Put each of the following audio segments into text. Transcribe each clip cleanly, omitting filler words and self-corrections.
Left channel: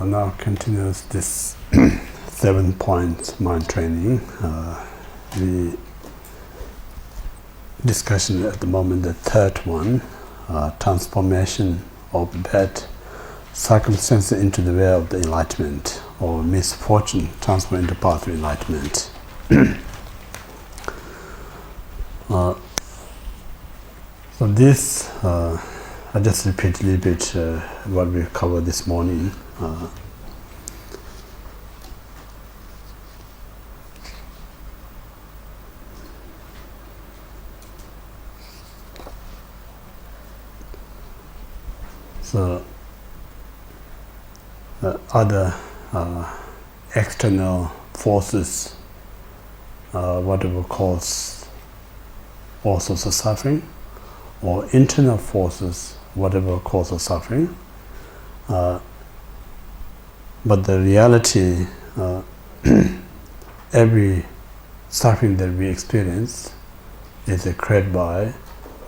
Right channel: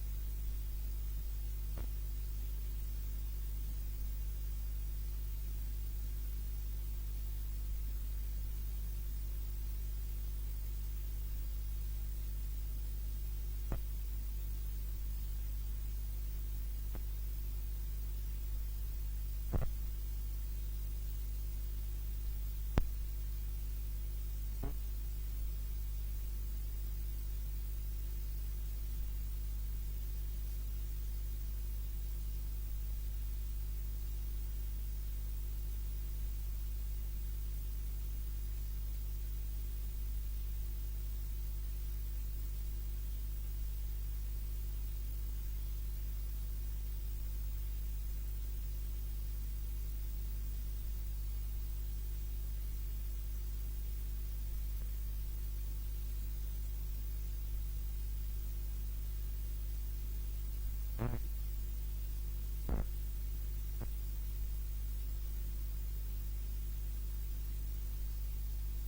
So now continues this 7-point mind training. The discussion at the moment, the third one, transformation of bad circumstances into the way of the enlightenment, or misfortune transformed into path of enlightenment. So this, I just repeat a little bit what we covered this morning. So other external forces, whatever cause all sorts of suffering, or internal forces, whatever cause of suffering. But the reality, every suffering that we experience is created by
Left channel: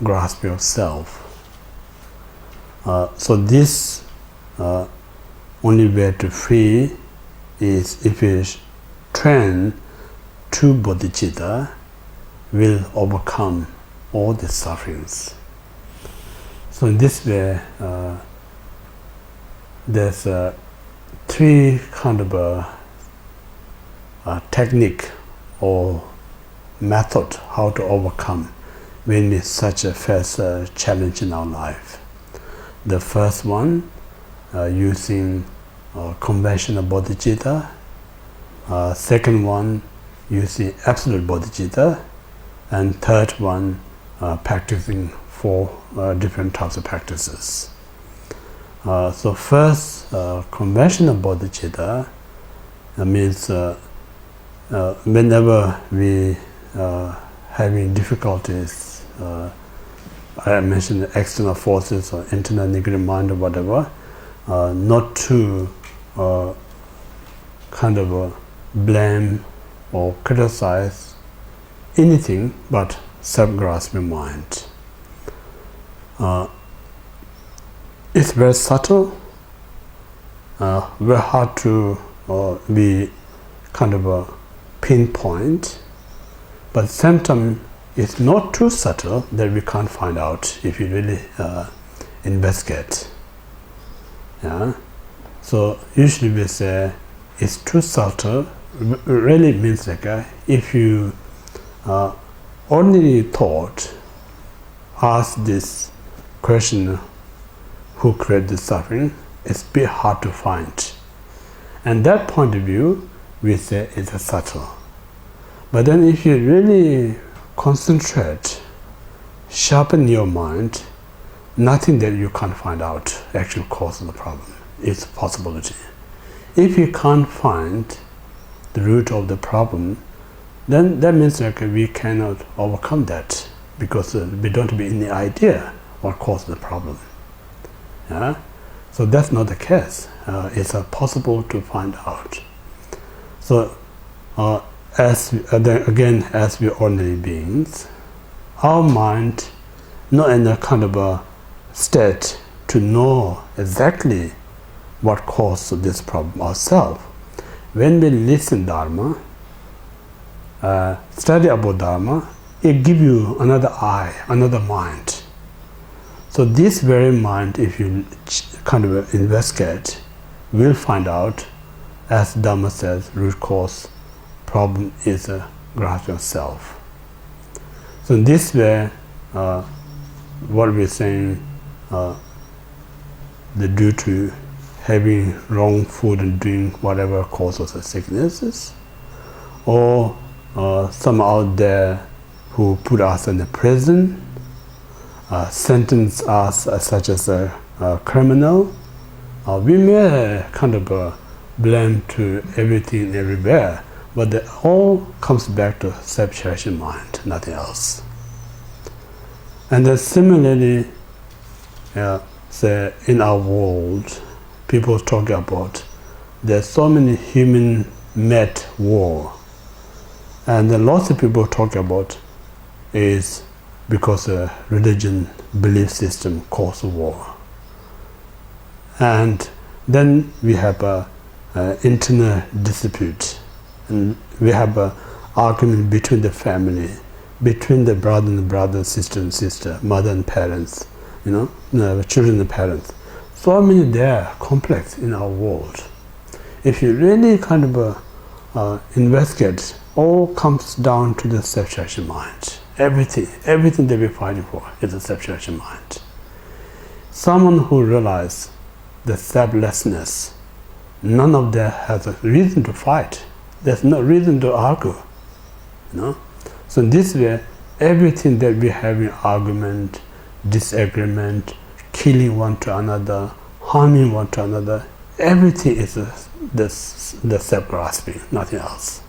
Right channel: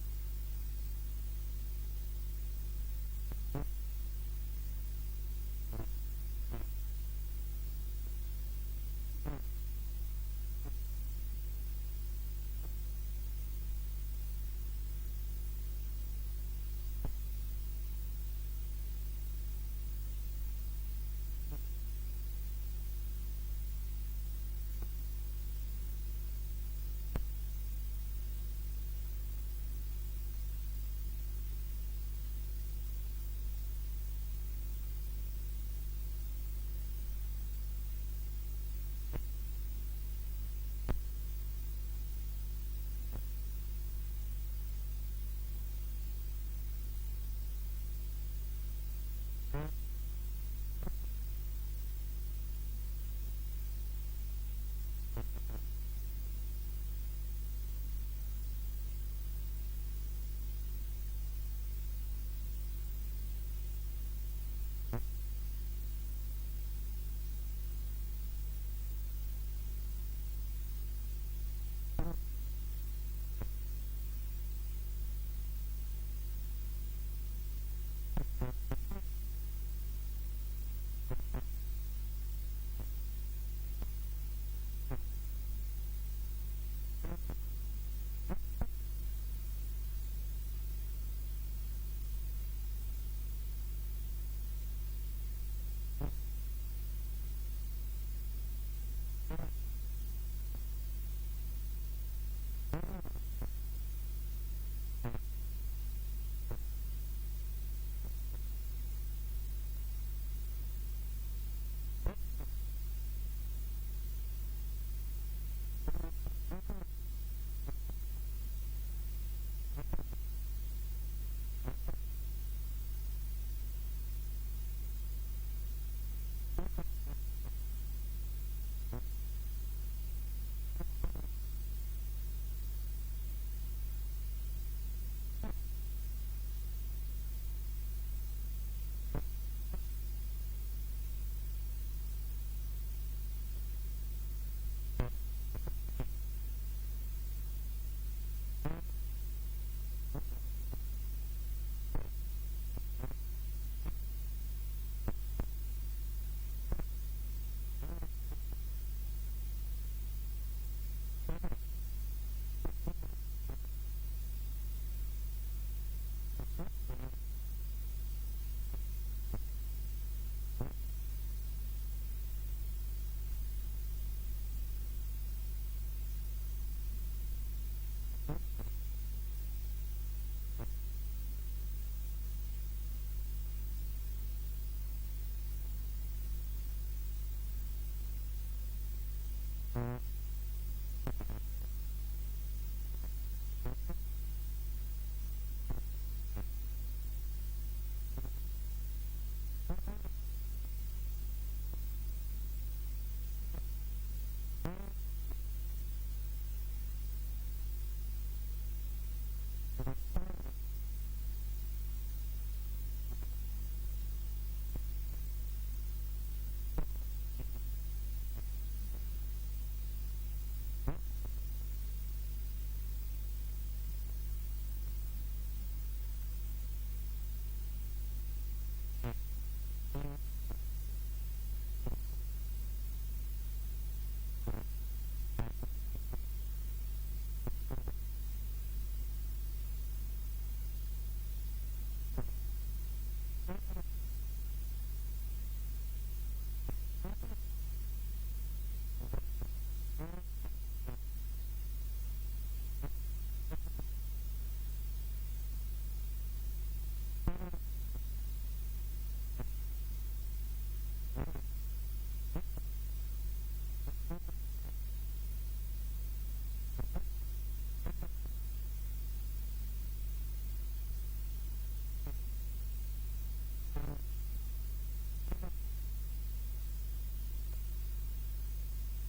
grasping of self. So this only way to free is if we train true bodhicitta, will overcome all the sufferings. So in this way, there's three kind of a technique or method how to overcome when we such a face challenge in our life. The first one, using conventional bodhicitta. Second one, using absolute bodhicitta. And third one, practicing 4 different types of practices. So first, conventional bodhicitta means whenever we having difficulties, I mentioned external forces or internal negative mind or whatever, not to kind of blame or criticize anything but self-grasping mind. It's very subtle, very hard to be kind of a pinpoint, but at the same time it's not too subtle that we can't find out if you really investigate. Yeah? So usually we say it's too subtle. Really means like if you ordinary thought ask this question, who created the suffering, it's a bit hard to find. And that point of view we say it's a subtle. But then if you really concentrate, sharpen your mind, nothing that you can't find out actually causes the problem. It's a possibility. If you can't find the root of the problem, then that means like we cannot overcome that, because we don't have any idea what caused the problem. Yeah? So that's not the case. It's possible to find out. So as we ordinary beings, our mind not in a kind of a state to know exactly what caused this problem ourselves. When we listen Dharma, study about Dharma, it gives you another eye, another mind. So this very mind, if you kind of investigate, will find out, as Dharma says, root cause problem is a grasping of self. So in this way, what we're saying, the due to having wrong food and drink, whatever causes the sicknesses, or some out there who put us in the prison, sentence us such as a criminal, we may kind of blame to everything and everywhere, but it all comes back to self-cherishing mind, nothing else. And then similarly, say in our world, people talk about there's so many human-made war, and then lots of people talk about is because religion belief system causes war. And Then we have a internal dispute, and we have a argument between the family, between the brother and brother, sister and sister, mother and parents, children and parents. So many there complex in our world. If you really kind of investigate, all comes down to the self-realization mind. Everything that we're fighting for is the self-realization mind. Someone who realizes the selflessness, none of them has a reason to fight. There's no reason to argue. So in this way, everything that we have in argument, disagreement, killing one to another, harming one to another, everything is the self-grasping, nothing else.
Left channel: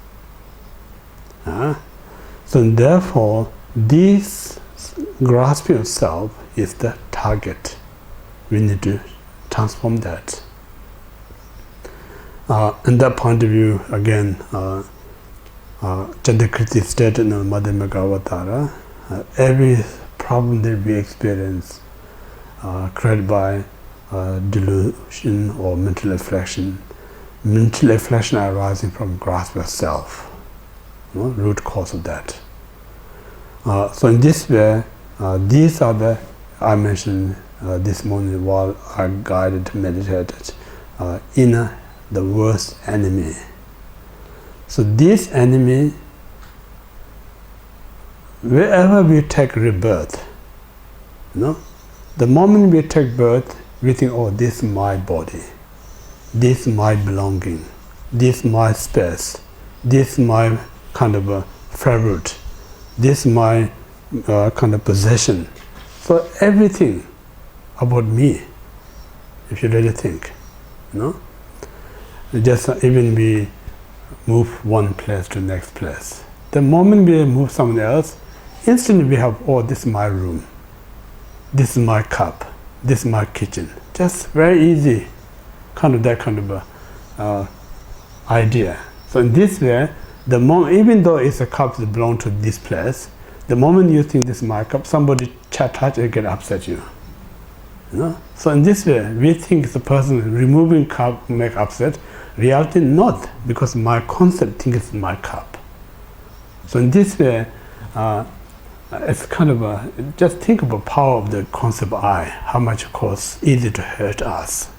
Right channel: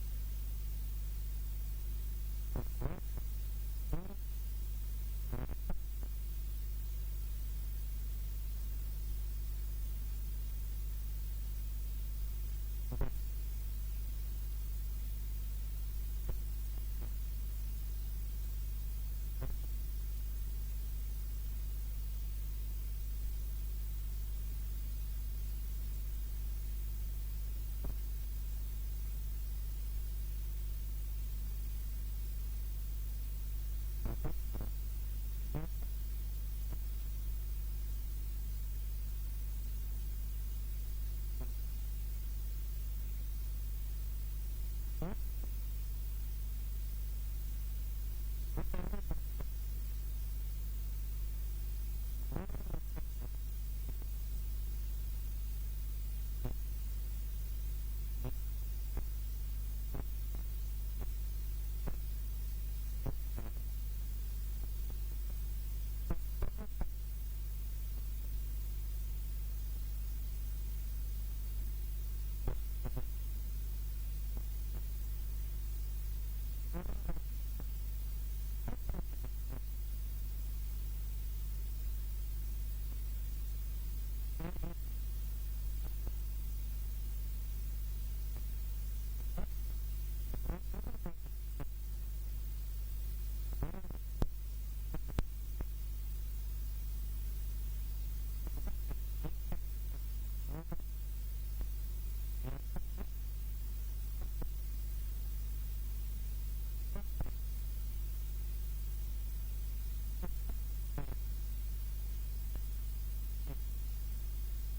So therefore, this grasping of self is the target. We need to transform that. In that point of view, again, Chandrakriti stated in the Madhyamaka Avatara, every problem that we experience created by delusion or mental affliction arising from grasp of self, root cause of that. So in this way, these are the, I mentioned this morning while I guided, meditated, inner, the worst enemy. So this enemy, wherever we take rebirth, the moment we take birth, we think, oh, this is my body, this is my belonging, this is my space, this is my kind of a favorite, this is my kind of possession. So everything about me, if you really think, just even we move one place to the next place. The moment we move somewhere else, instantly we have, oh, this is my room, this is my cup, this is my kitchen. Just very easy, that kind of idea. So in this way, the moment, even though it's a cup that belongs to this place, the moment you think this is my cup, somebody touch it, get upset you. So in this way, we think the person removing cup make upset. Reality not, because my concept thinks it's my cup. So in this way, it's kind of just think of the power of the concept I, how much it costs, easy to hurt us.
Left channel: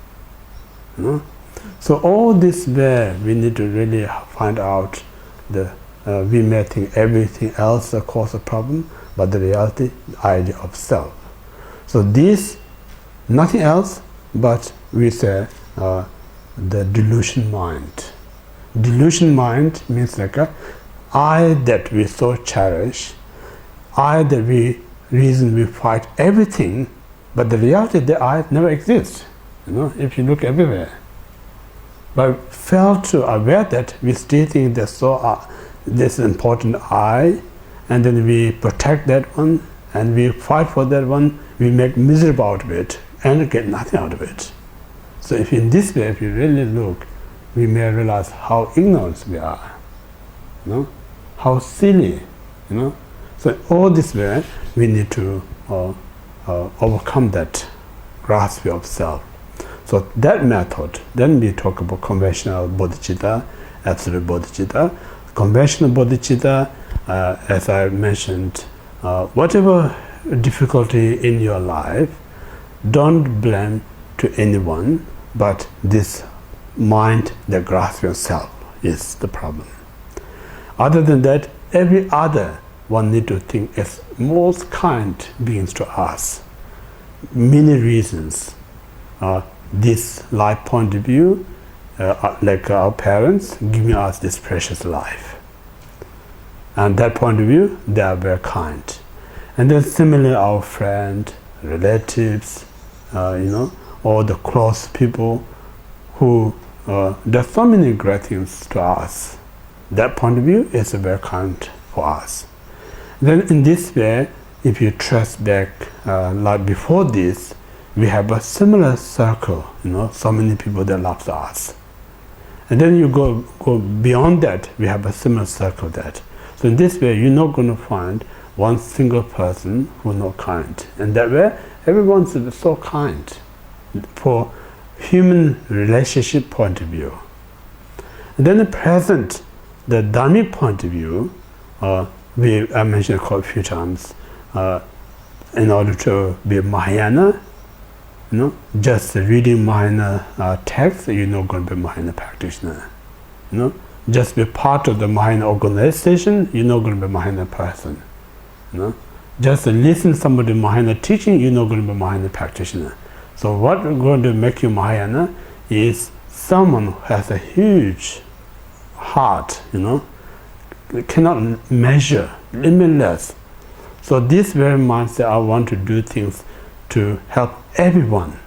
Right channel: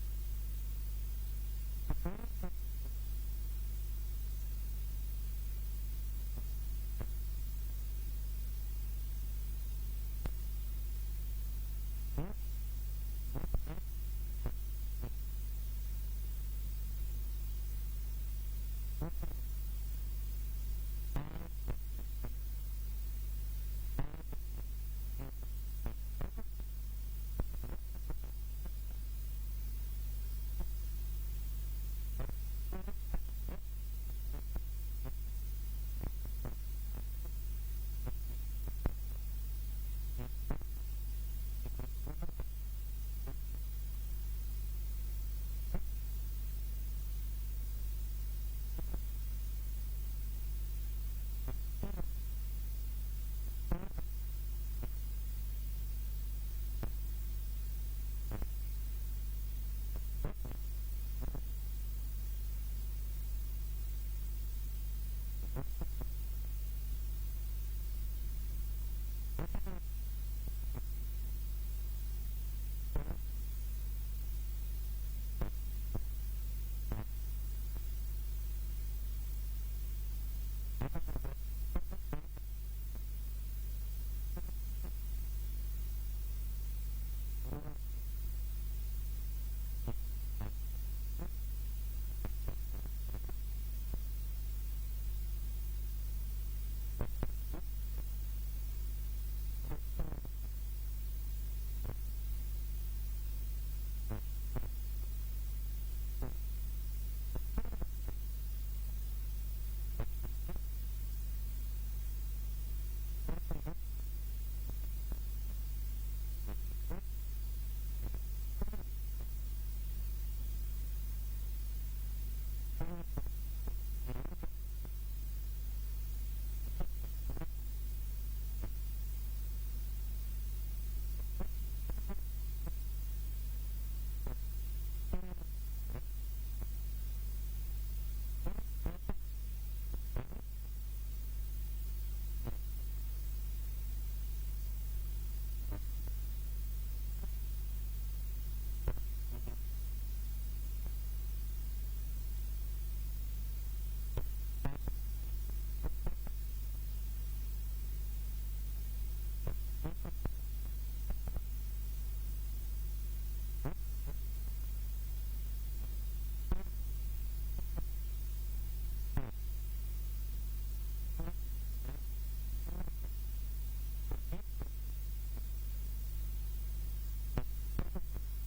So all this way, we need to really find out we may think everything else that causes a problem, but the reality, the idea of self. So this, nothing else, but we say the delusion mind. Delusion mind means like I that we so cherish, I that we reason we fight everything, but the reality that I never exists. If you look everywhere. But fail to aware that we still think there's this important I, and then we protect that one, and we fight for that one, we make miserable out of it, and get nothing out of it. So if in this way, if you really look, we may realize how ignorant we are, how silly, So all this way, we need to overcome that grasping of self. So that method, then we talk about conventional bodhicitta, absolute bodhicitta. Conventional bodhicitta, as I mentioned, whatever difficulty in your life, don't blame to anyone, but this mind that grasps yourself is the problem. Other than that, every other one need to think as most kind beings to us. Many reasons. This life point of view, like our parents giving us this precious life. And that point of view, they are very kind. And then similarly, our friend, relatives, or the close people who there's so many great things to us. That point of view is very kind for us. Then in this way, if you trace back like before this, we have a similar circle, so many people that love us. And then you go beyond that, we have a similar circle that. So in this way, you're not going to find one single person who's not kind. And that way, everyone's so kind. For human relationship point of view. And then the present, the Dhammic point of view, I mentioned a few times, in order to be Mahayana, just reading Mahayana text, you're not going to be a Mahayana practitioner. Just be part of the Mahayana organization, you're not going to be a Mahayana person. Just listen to somebody Mahayana teaching, you're not going to be a Mahayana practitioner. So what is going to make you Mahayana is someone who has a huge heart, cannot measure, limitless. So this very mindset, I want to do things to help everyone.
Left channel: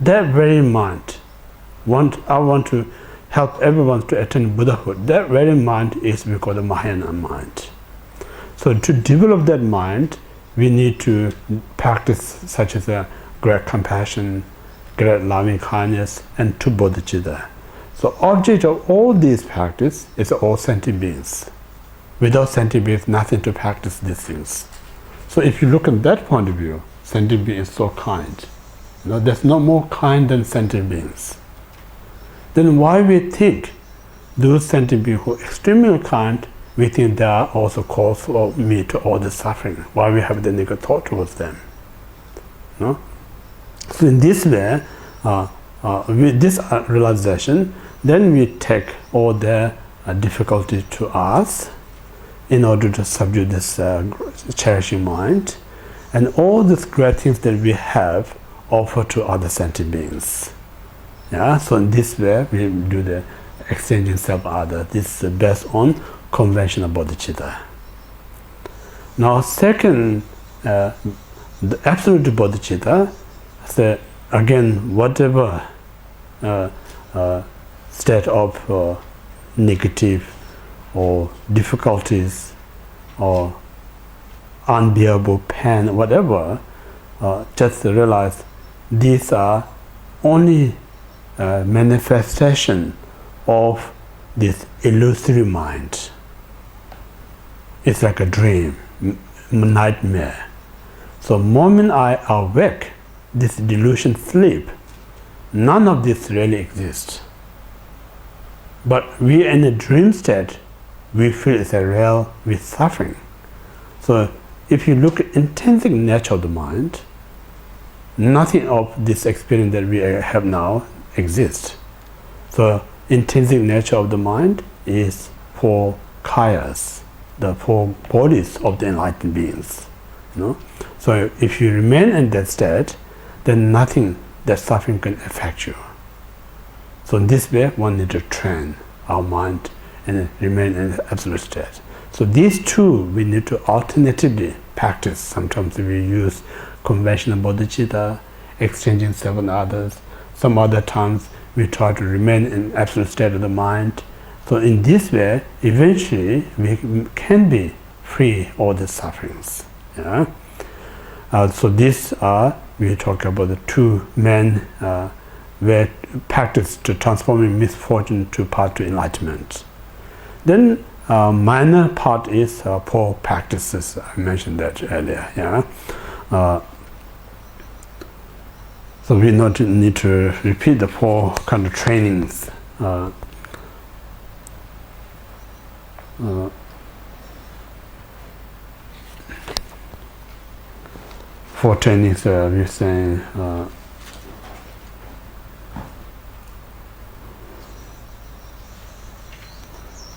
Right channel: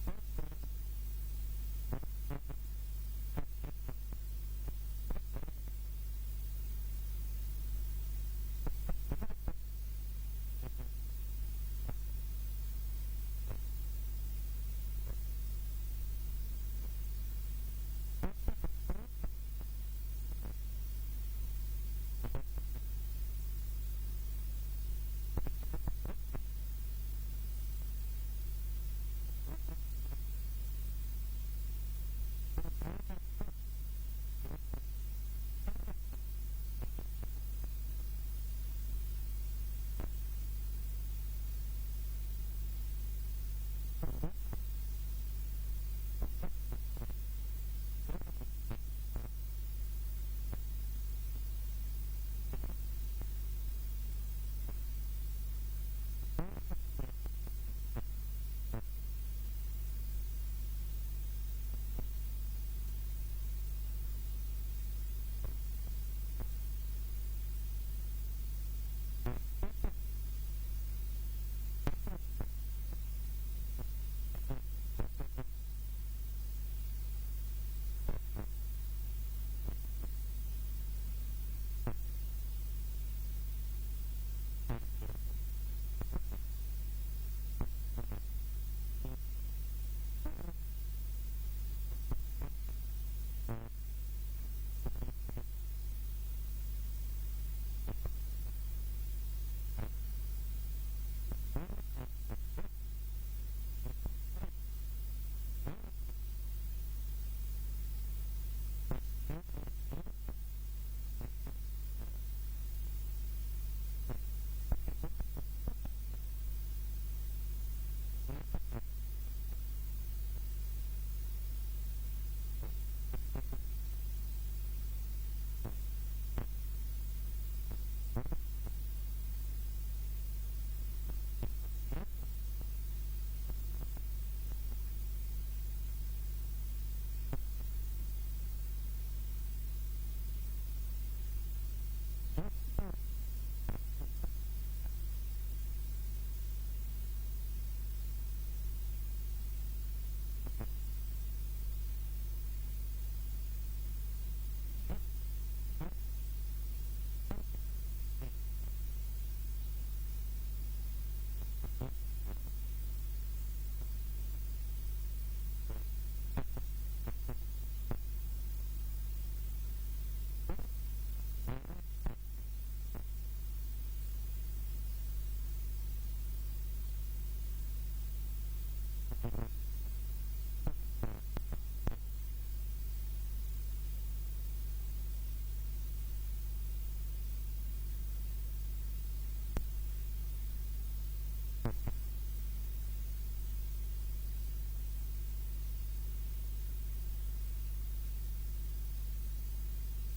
That very mind, I want to help everyone to attain Buddhahood. That very mind is because of Mahayana mind. So to develop that mind, we need to practice such as a great compassion, great loving kindness, and two bodhicitta. So object of all these practice is all sentient beings. Without sentient beings, nothing to practice these things. So if you look at that point of view, sentient being is so kind. There's no more kind than sentient beings. Then why we think those sentient beings who are extremely kind, we think they are also cause for me to all the suffering? Why we have the negative thought towards them? So in this way, with this realization, then we take all the difficulty to us in order to subdue this cherishing mind, and all these great things that we have offer to other sentient beings. So in this way we do the exchanging self-other. This is based on conventional bodhicitta. Now second, the absolute bodhicitta, so again, whatever state of negative or difficulties or unbearable pain, whatever, just realize these are only manifestation of this illusory mind. It's like a dream, nightmare. So moment I awake, this delusion sleep, none of this really exists. But we in a dream state, we feel it's a real, we're suffering. So if you look at intrinsic nature of the mind, nothing of this experience that we have now exists. So intrinsic nature of the mind is four kayas, the four bodies of the enlightened beings. So if you remain in that state, then nothing that suffering can affect you. So in this way, one needs to train our mind and remain in the absolute state. So these two we need to alternatively practice. Sometimes we use conventional bodhicitta, exchanging self and others. Some other times we try to remain in absolute state of the mind. So in this way, eventually we can be free of all the sufferings. So these are, we talk about the two main where practice to transforming misfortune to path to enlightenment. Then minor part is four practices. I mentioned that earlier. So we not need to repeat the four kind of trainings. Four trainings we're saying.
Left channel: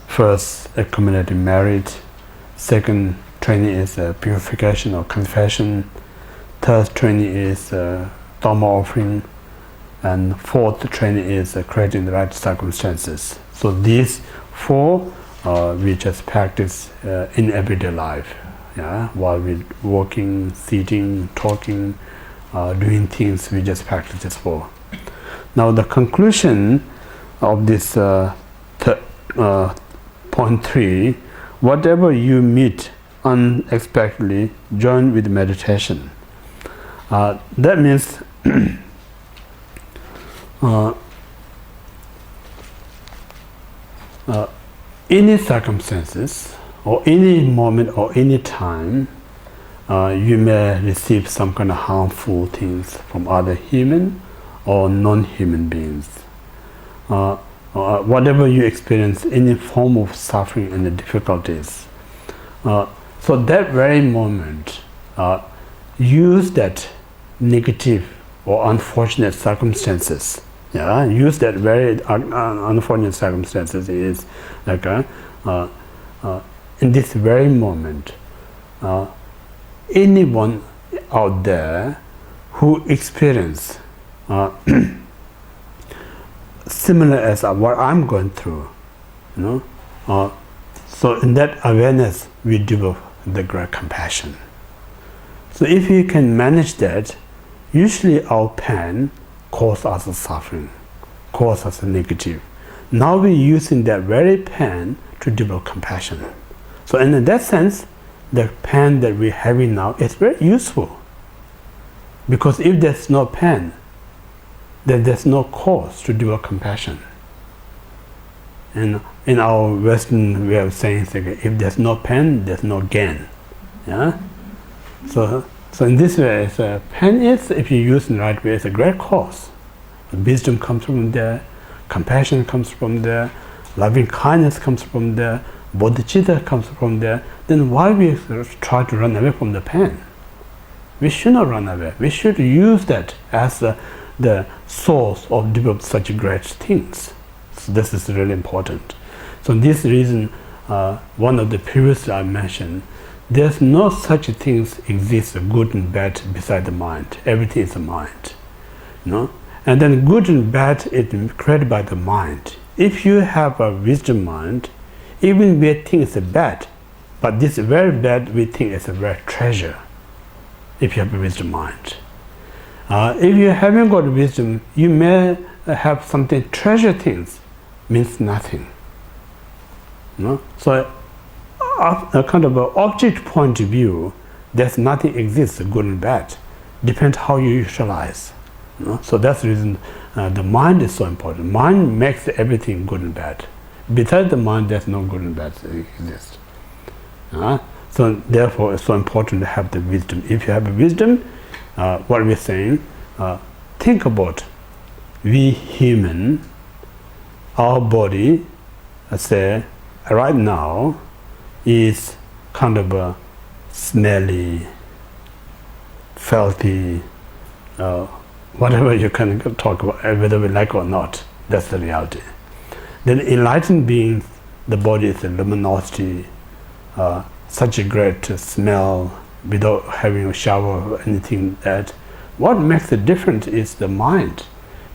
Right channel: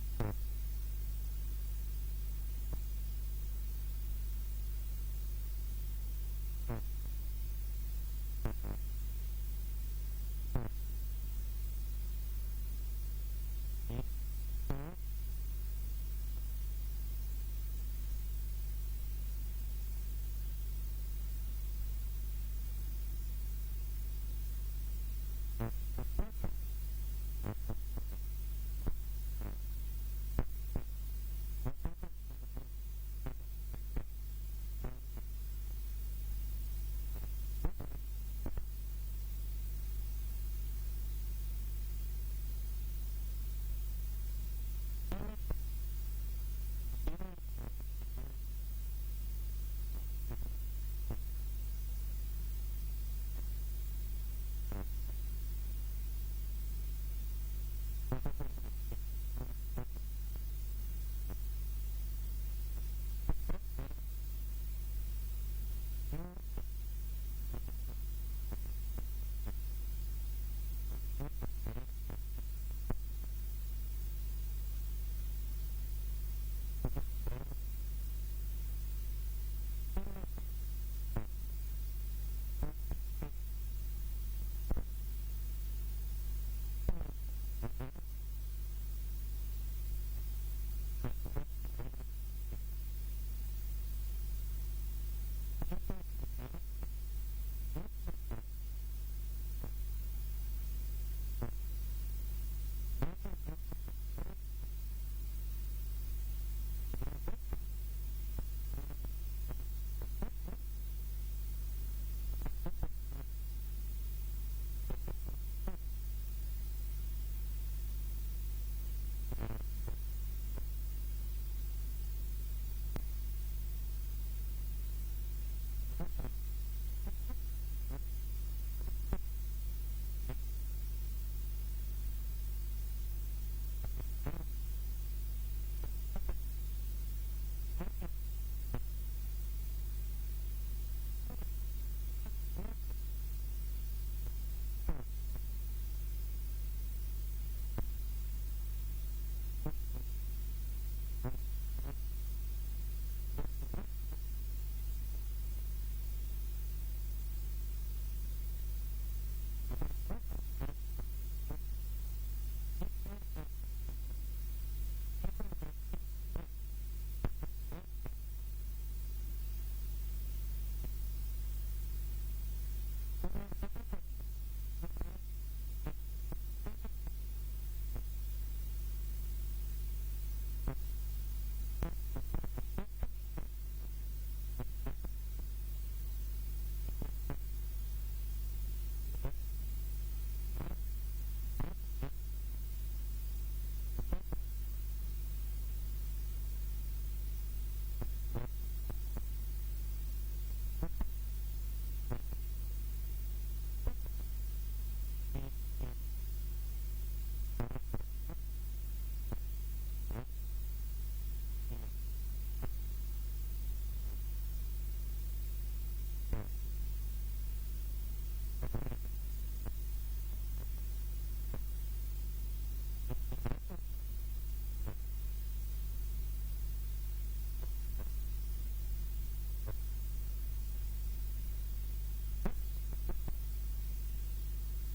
First, accumulating merit. Second training is purification or confession. Third training is Dharma offering. And fourth training is creating the right circumstances. So these four we just practice in everyday life. While we're walking, sitting, talking, doing things, we just practice this four. Now the conclusion of this point 3, whatever you meet unexpectedly, join with meditation. That means any circumstances or any moment or any time you may receive some kind of harmful things from other human or non-human beings. Whatever you experience, any form of suffering and the difficulties. So that very moment, use that negative or unfortunate circumstances. Yeah, use that very unfortunate circumstances is like in this very moment, anyone out there who experience similar as what I'm going through, so in that awareness we develop the great compassion. So if you can manage that, usually our pain causes us suffering, causes us negative. Now we're using that very pain to develop compassion. So in that sense, the pain that we're having now is very useful. Because if there's no pain, then there's no cause to develop compassion. And in our Western way of saying things, if there's no pain, there's no gain. Yeah? So in this way, pain is, if you use it in the right way, it's a great cause. Wisdom comes from there, compassion comes from there, loving kindness comes from there, bodhicitta comes from there. Then why we try to run away from the pain? We should not run away. We should use that as the source of develop such great things. So this is really important. So this reason, one of the previous I mentioned, there's no such things exist, good and bad, beside the mind. Everything is the mind. And then good and bad is created by the mind. If you have a wisdom mind, even we think it's bad, but this very bad we think is a very treasure, if you have a wisdom mind. If you haven't got wisdom, you may have something, treasure things, means nothing. So a kind of an object point of view, there's nothing exists, good and bad. Depends how you utilize. So that's the reason the mind is so important. Mind makes everything good and bad. Besides the mind, there's no good and bad that exist. So therefore, it's so important to have the wisdom. If you have a wisdom, what we're saying, think about we human, our body, let's say, right now, is kind of a smelly, filthy, whatever you can talk about, whether we like or not, that's the reality. Then enlightened beings, the body is a luminosity, such a great smell without having a shower or anything that. What makes the difference is the mind,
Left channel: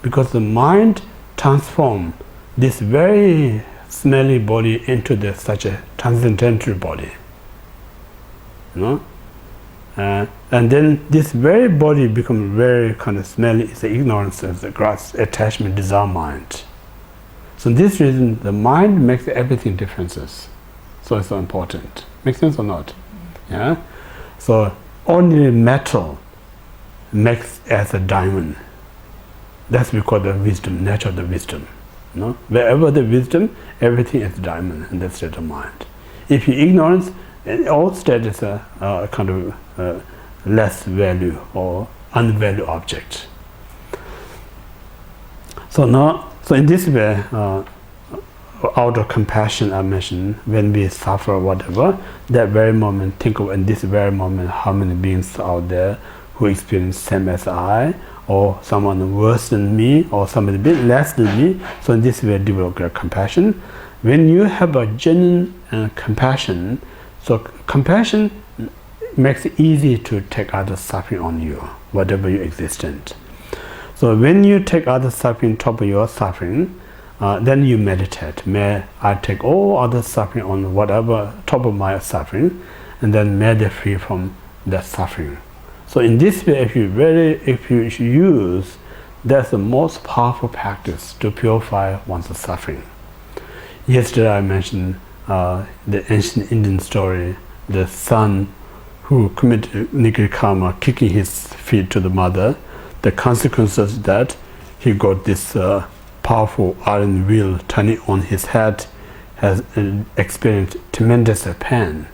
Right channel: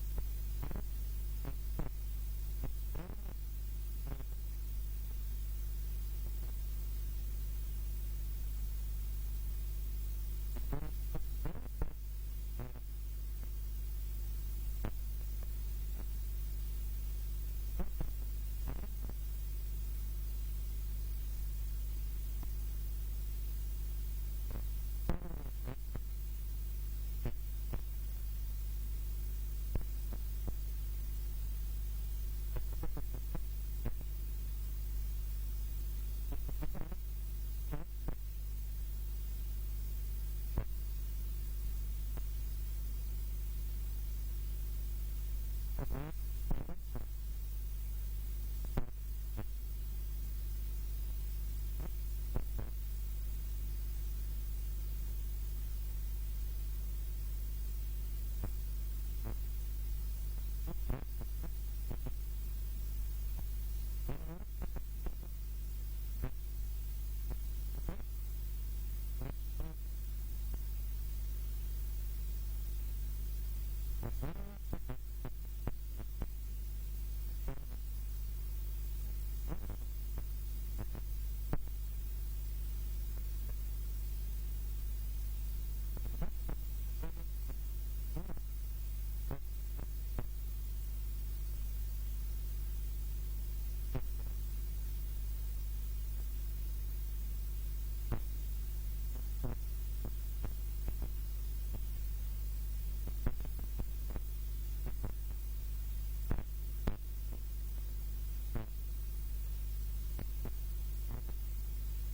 because the mind transforms this very smelly body into such a transcendental body. And then this very body becomes very kind of smelly, it's the ignorance, it's the grasp, attachment, desire mind. So this reason, the mind makes everything differences. So it's so important. Make sense or not? Yeah? So ordinary metal makes as a diamond. That's because the wisdom, nature of the wisdom. Wherever the wisdom, everything is diamond in that state of mind. If you ignorance, all state is a kind of less value or unvalued object. So in this way, out of compassion I mentioned, when we suffer or whatever, that very moment, think of in this very moment how many beings out there who experience same as I, or someone worse than me, or somebody a bit less than me. So in this way, develop great compassion. When you have a genuine compassion, so compassion makes it easy to take others' suffering on you, whatever your existence. So when you take others' suffering on top of your suffering, then you meditate. May I take all other suffering on whatever top of my suffering, and then may they free from that suffering. So in this way, if you use, that's the most powerful practice to purify one's suffering. Yesterday I mentioned the ancient Indian story, the son who committed negative karma, kicking his feet to the mother. The consequences that he got this powerful iron wheel turning on his head, has experienced tremendous pain.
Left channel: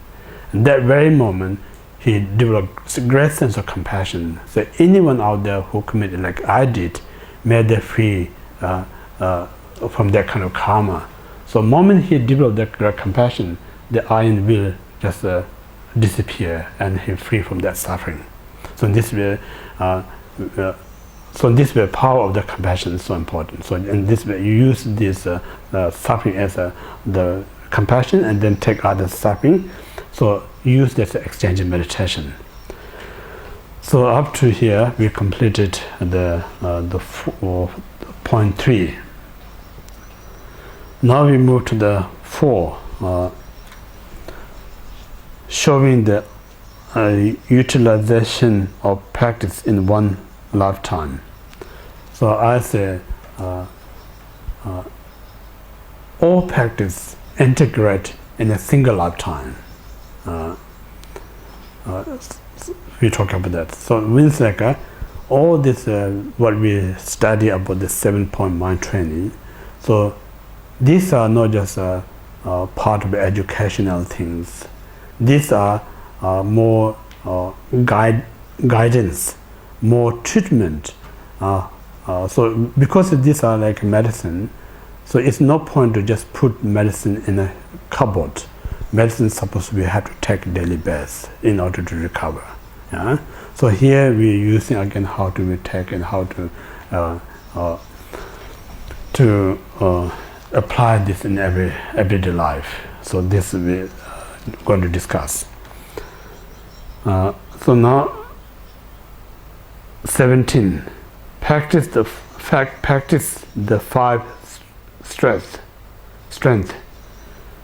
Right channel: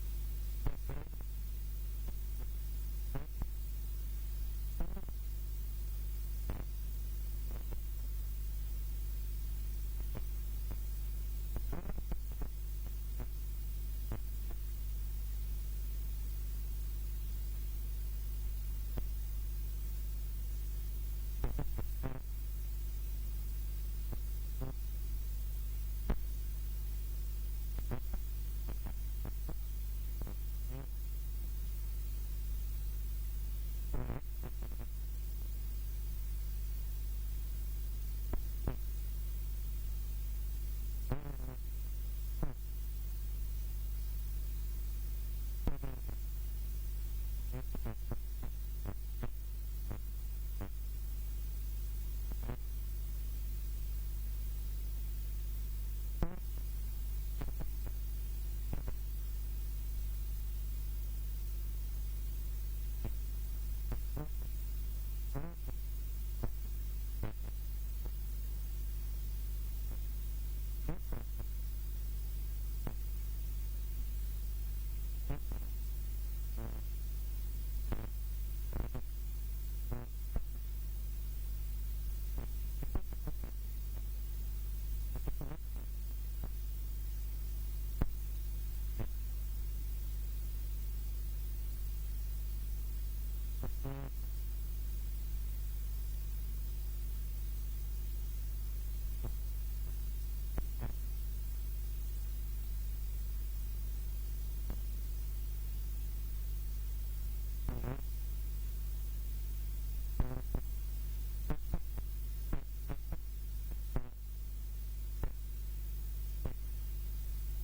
In that very moment, he developed a great sense of compassion. So anyone out there who committed like I did, made them free from that kind of karma. So the moment he developed that compassion, the iron will just disappear and he's free from that suffering. So in this way, power of the compassion is so important. So in this way, you use this suffering as the compassion, and then take other suffering. So use that exchange in meditation. So up to here, we completed the point 3. Now we move to the 4, showing the utilization of practice in one lifetime. So I say all practice integrate in a single lifetime. We talk about that. So it means like all this what we study about the 7-point mind training. So these are not just part of the educational things. These are more guidance, more treatment. So because these are like medicine, so it's no point to just put medicine in a cupboard. Medicine is supposed to be have to take daily basis in order to recover. Yeah? So here we're using again how to take and how to apply this in everyday life. So this we're going to discuss. So now 17. Practice the 5 strength,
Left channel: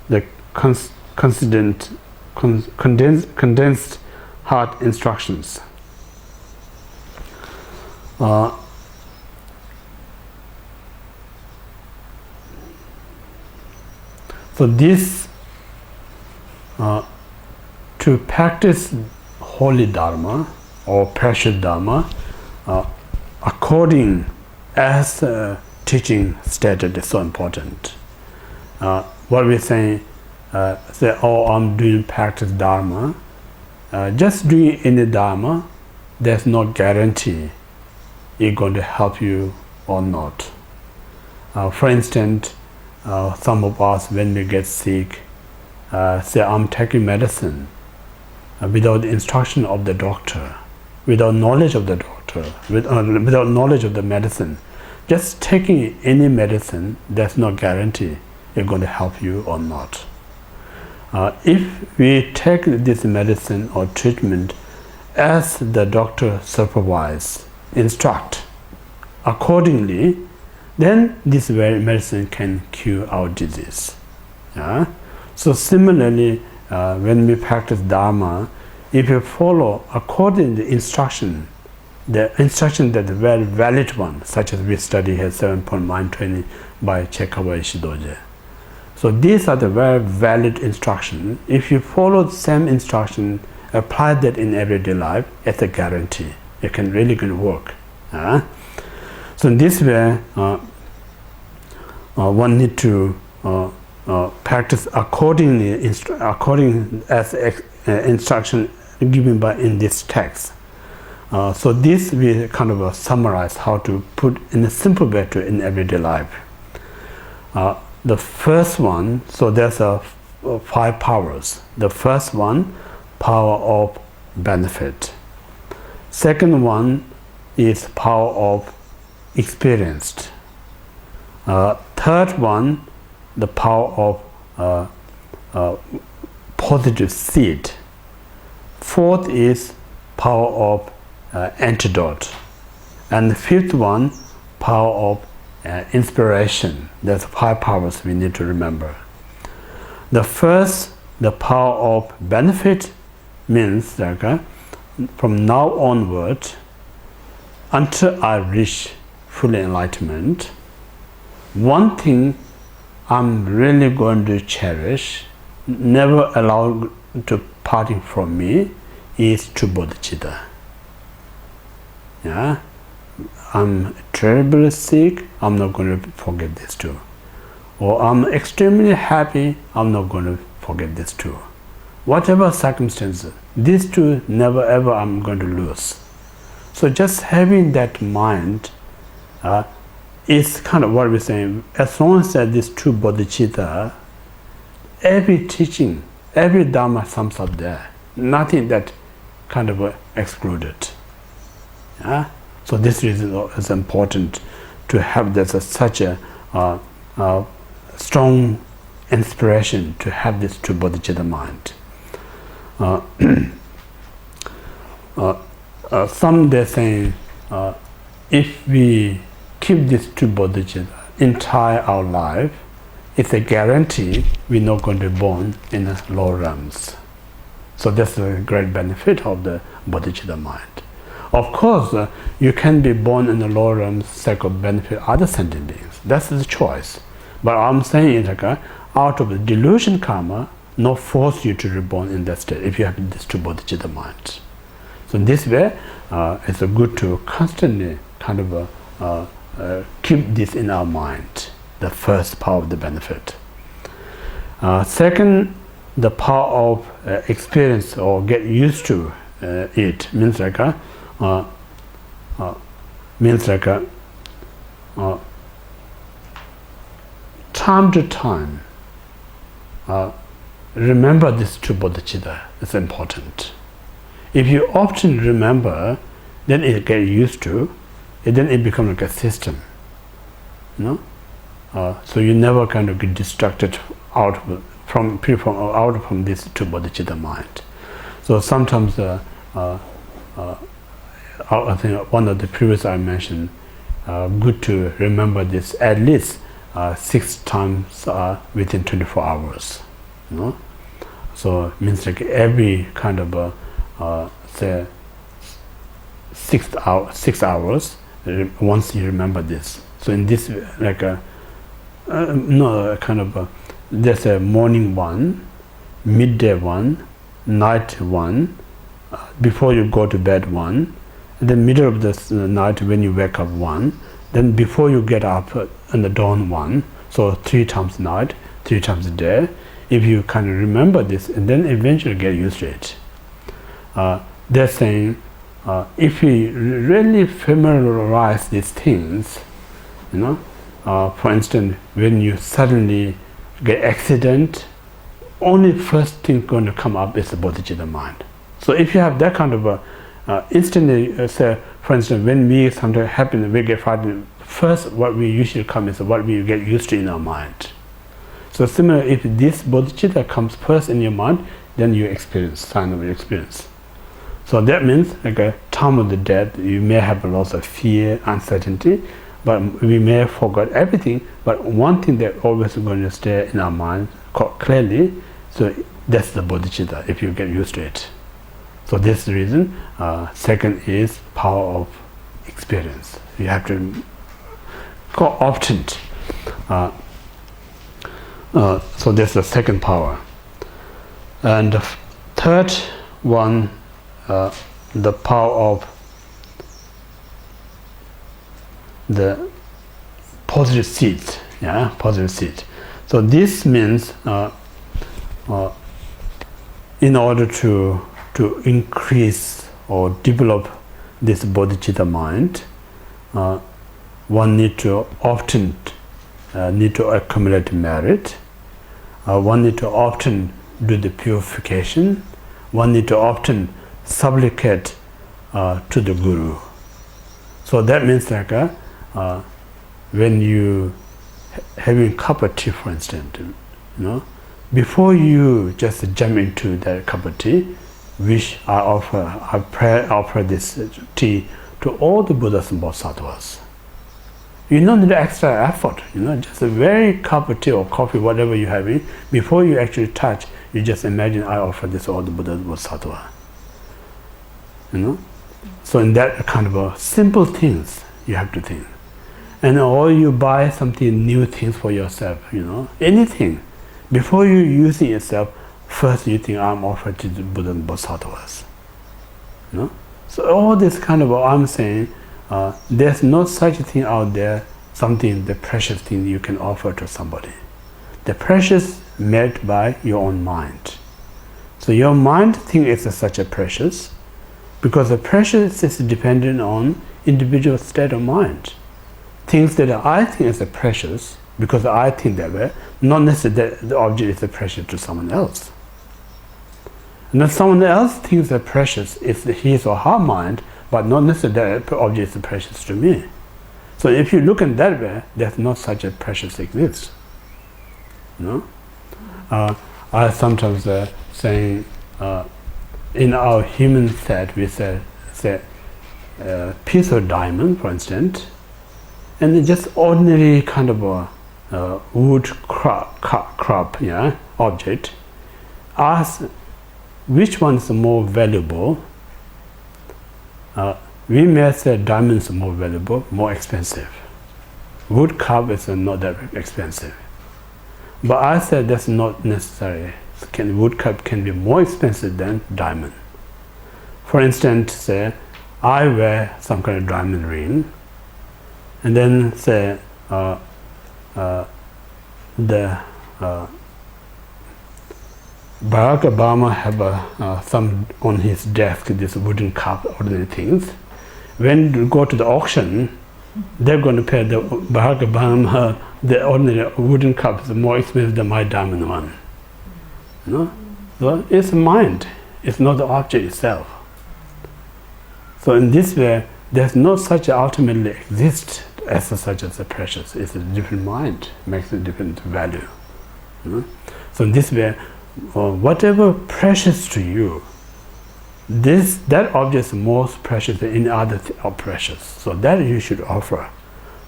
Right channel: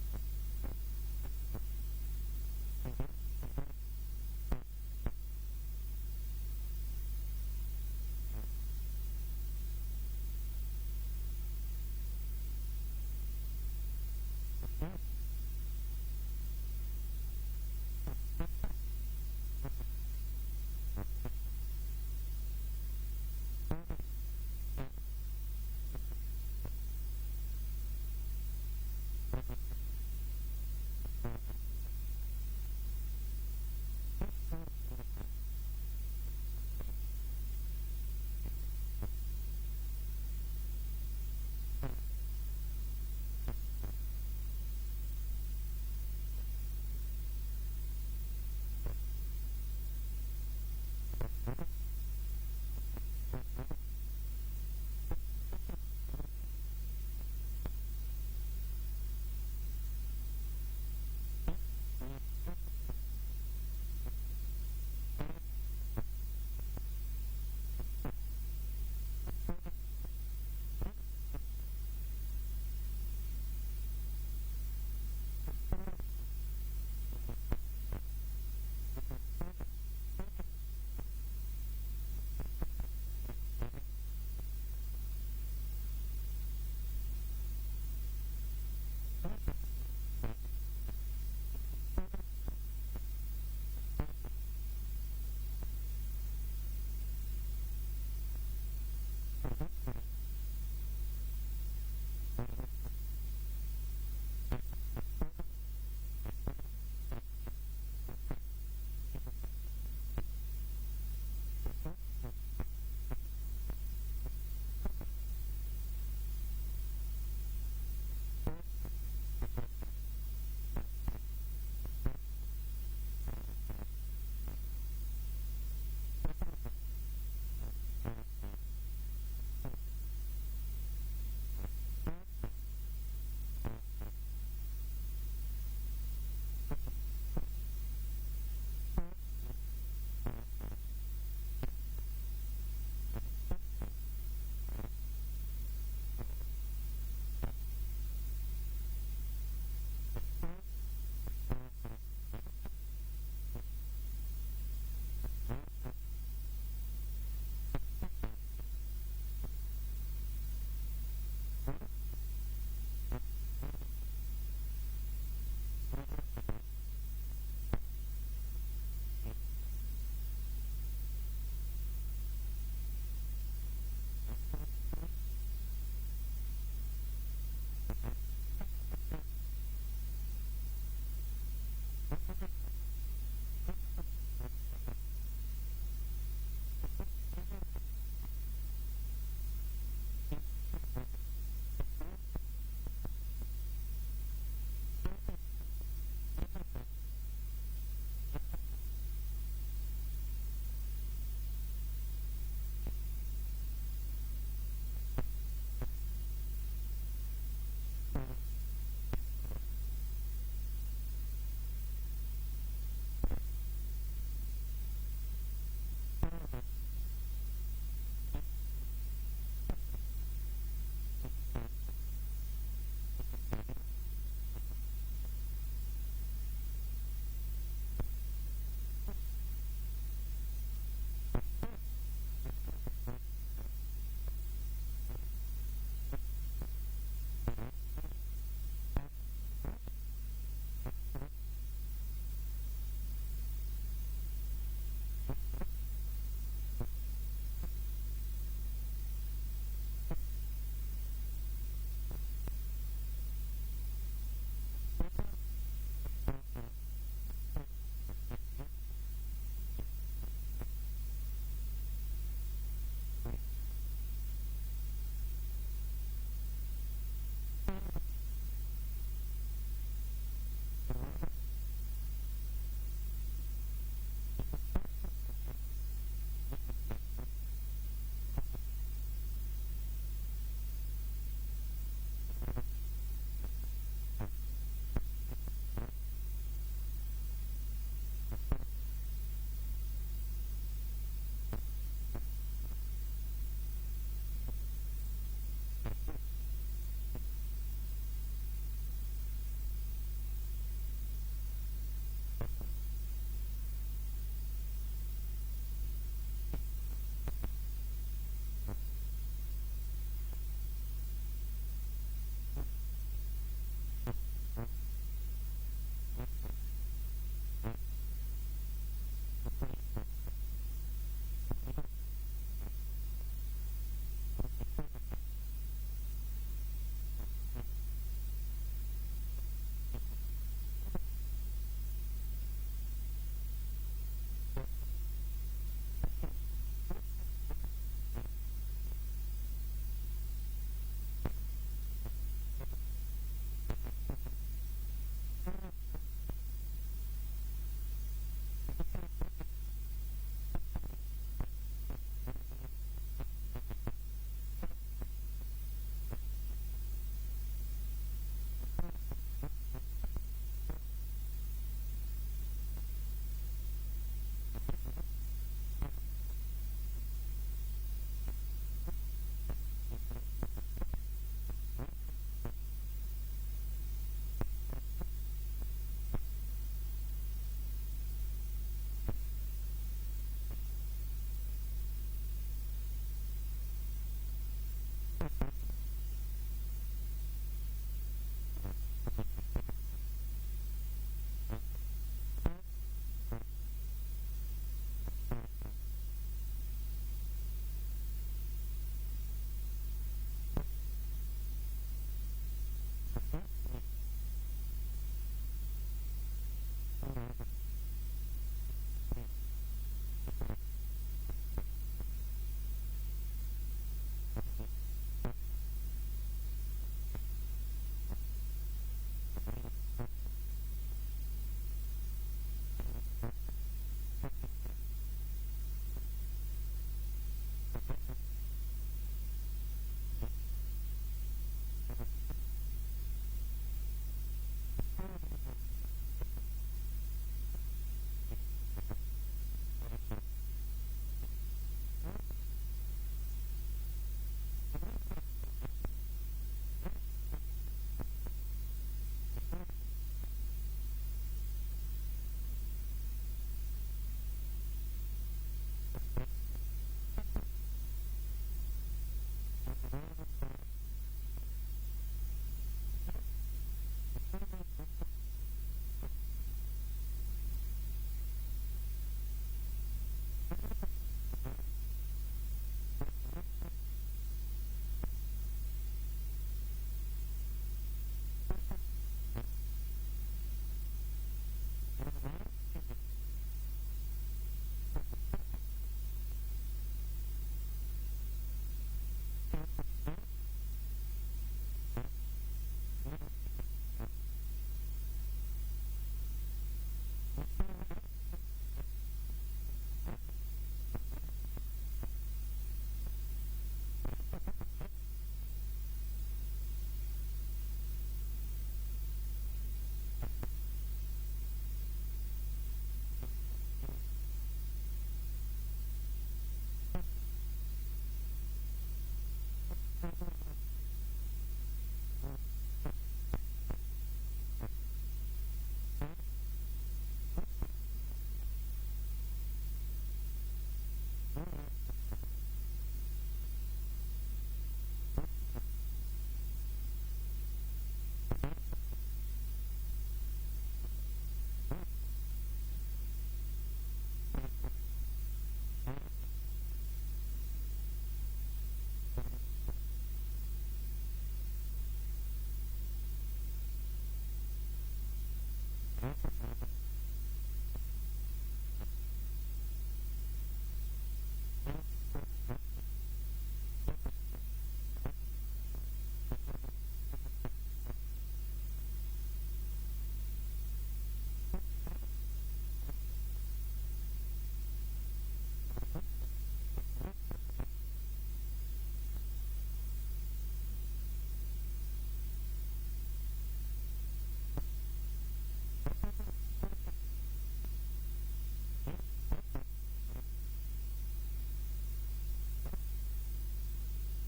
the condensed heart instructions. So this to practice holy dharma or precious dharma according as teaching stated is so important. What we're saying, say, oh, I'm doing practice dharma. Just doing any dharma, there's no guarantee it's going to help you or not. For instance, some of us, when we get sick, say, I'm taking medicine without the instruction of the doctor, without knowledge of the doctor, without knowledge of the medicine. Just taking any medicine, there's no guarantee it's going to help you or not. If we take this medicine or treatment as the doctor supervise, instruct accordingly, then this very medicine can cure our disease. Yeah? So similarly, when we practice Dharma, if you follow according to the instruction that is very valid one, such as we study here 7-point mind training by Chekawa Ishidoje. So these are the very valid instruction. If you follow the same instruction, apply that in everyday life, it's a guarantee. It can really good work. So in this way, one need to practice accordingly, according as instruction given by in this text. So this we kind of summarize how to put in a simple way to in everyday life. The first one, so there's 5 powers. The first one, power of benefit. Second one is power of experienced. Third one, the power of positive seed. Fourth is power of antidote. And the fifth one, power of inspiration. There's 5 powers we need to remember. The first, the power of benefit, means that from now onward, until I reach full enlightenment, one thing I'm really going to cherish, never allow to parting from me, is true bodhicitta. Yeah? I'm terribly sick, I'm not going to forget this too. Or I'm extremely happy, I'm not going to forget this too. Whatever circumstances, these two never ever I'm going to lose. So just having that mind it's kind of what we're saying. As long as these two bodhicitta, every teaching, every dharma sums up there. Nothing that kind of excluded. Yeah? So this reason is important to have this such a strong inspiration to have this two bodhicitta mind. Some they say if we keep these two bodhicitta entire our life, it's a guarantee we're not going to be born in the lower realms. So that's a great benefit of the bodhicitta mind. Of course, you can be born in the lower realms sake of benefit other sentient beings. That's the choice. But I'm saying is like out of the delusion karma, not force you to reborn in that state if you have this two bodhicitta mind. So in this way, it's good to constantly kind of keep this in our mind, the first power of the benefit. Second, the power of experience or get used to it means like time to time remember this two bodhicitta is important. If you often remember, then it gets used to, and then it becomes like a system. You know? So you never kind of get distracted out from this two bodhicitta mind. So sometimes I think one of the previous I mentioned, good to remember this at least 6 times within 24 hours. You know? So it means like every kind of say 6 hours once you remember this. So in this like there's a morning one, midday one, night one, before you go to bed one, and then middle of the night when you wake up one, then before you get up in the dawn one. So 3 times night, 3 times a day. If you kind of remember this, and then eventually get used to it. They're saying if we really familiarize these things, you know, for instance, when you suddenly get accident, only first thing going to come up is the bodhicitta mind. So if you have that kind of instantly, say, for instance, when we sometimes happen, we get frightened, first what we usually come is what we get used to in our mind. So similar, if this bodhicitta comes first in your mind, then you experience, sign of your experience. So that means like a time of the death, you may have a lot of fear, uncertainty, but we may have forgot everything, but one thing that always going to stay in our mind clearly, so that's the bodhicitta, if you get used to it. So this is the reason. Second is power of experience. You have to go often. So that's the second power. And the third one, the power of the positive seeds. Yeah, positive seed. So this means in order to increase or develop this bodhicitta mind, one need to often accumulate merit. One need to often do the purification. One need to often supplicate to the Guru. So that means like when you having a cup of tea, for instance, you know, before you just jump into that cup of tea, which I offer this tea to all the Buddhas and Bodhisattvas. You don't need extra effort, you know, just a very cup of tea or coffee, whatever you're having, before you actually touch, you just imagine I offer this to all the Buddhas and Bodhisattvas. You know? So in that kind of simple things you have to think. And or you buy something new things for yourself, you know, anything. Before you using yourself, first you think I'm offered to the Buddha and Bodhisattvas. You know? So all this kind of I'm saying, there's no such thing out there, something, the precious thing you can offer to somebody. The precious made by your own mind. So your mind thinks it's such a precious, because the precious is dependent on individual state of mind. things that I think is precious because I think that way, not necessarily that the object is precious to someone else. And then someone else thinks that precious is his or her mind, but not necessarily that object is precious to me. So if you look in that way, there's not such a precious exists. You know? I sometimes say in our human set we say piece of diamond, for instance, and just ordinary kind of a wood crop, yeah, object. Ask which one is more valuable. We may say diamond is more valuable, more expensive. Wood cup is not that expensive. But I said that's not necessary. Wood cup can be more expensive than diamond. For instance, say I wear some kind of diamond ring, and then say Barack Obama have some on his desk, this wooden cup, ordinary things. When you go to the auction, they're going to pay the Barack Obama the ordinary wooden cup is more expensive than my diamond one. You know? So it's mind, it's not the object itself. So in this way, there's no such ultimately exist as such as a precious. It's a different mind, makes a different value. You know? So in this way, whatever precious to you, that object is most precious than any other precious. So that you should offer.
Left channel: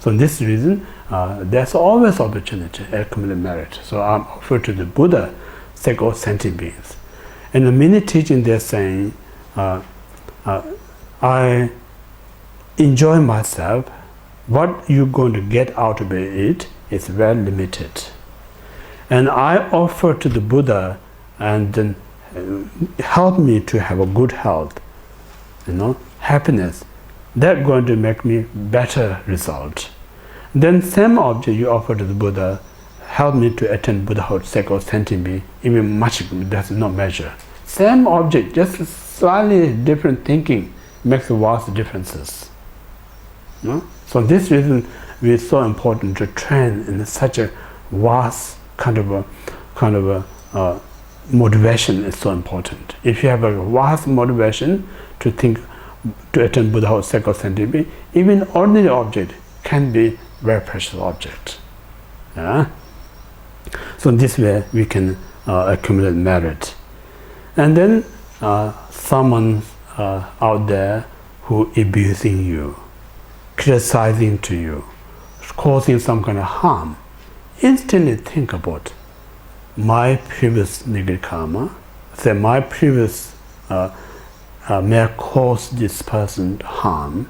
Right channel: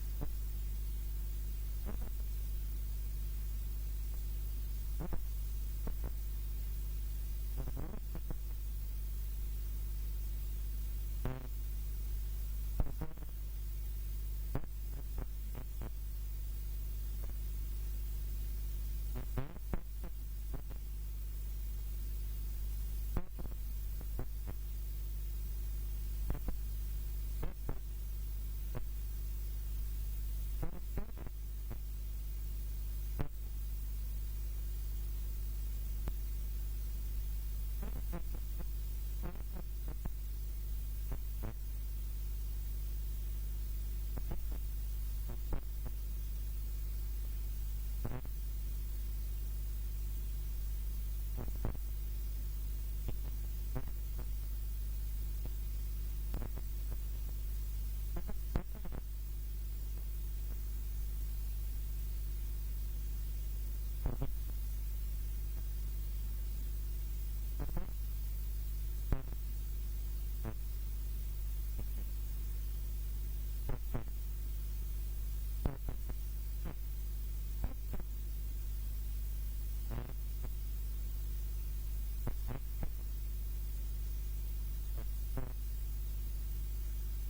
So in this reason, there's always opportunity, accumulate merit. So I'm offered to the Buddha, sake of sentient beings. In the many teachings they're saying, I enjoy myself. What you're going to get out of it is very limited. And I offer to the Buddha and then help me to have a good health, you know, happiness. That's going to make me better result. Then same object you offer to the Buddha, help me to attain Buddhahood, sake of sentient being, even much, that's no measure. Same object, just slightly different thinking makes vast differences. You know? So this reason it's so important to train in such a vast kind of a motivation is so important. If you have a vast motivation to think, to attain Buddhahood, sake of sentient being, even ordinary object can be very precious object. Yeah? So in this way we can accumulate merit. And then someone out there who abusing you, criticizing to you, causing some kind of harm, instantly think about my previous negative karma, say my previous may have caused this person harm,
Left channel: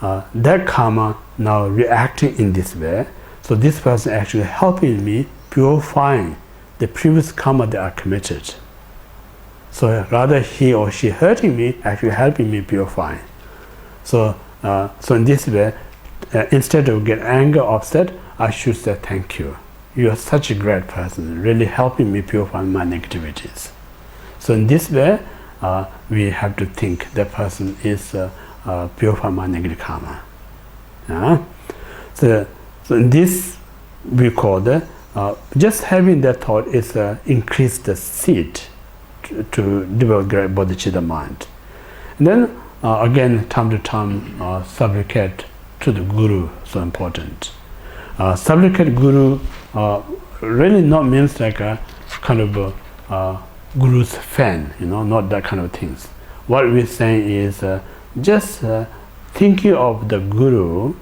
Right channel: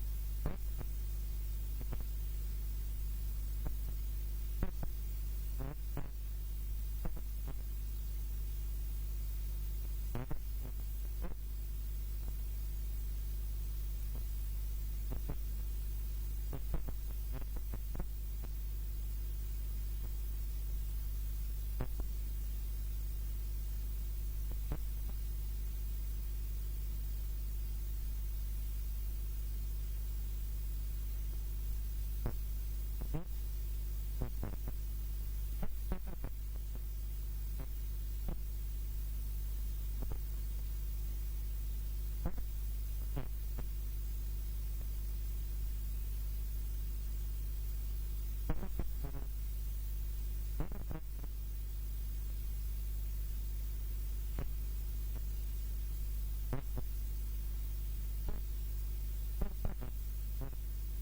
that karma now reacting in this way, so this person actually helping me purifying the previous karma that I committed. So rather he or she hurting me, actually helping me purifying. So in this way, instead of get anger, upset, I should say thank you. You are such a great person, really helping me purify my negativities. So in this way, we have to think that person is purifying my negative karma. So in this we call the just having that thought is increase the seed to develop great bodhicitta mind. And then again, time to time, supplicate to the Guru, so important. Supplicate Guru really not means like a kind of Guru's fan, you know, not that kind of things. What we're saying is just thinking of the Guru,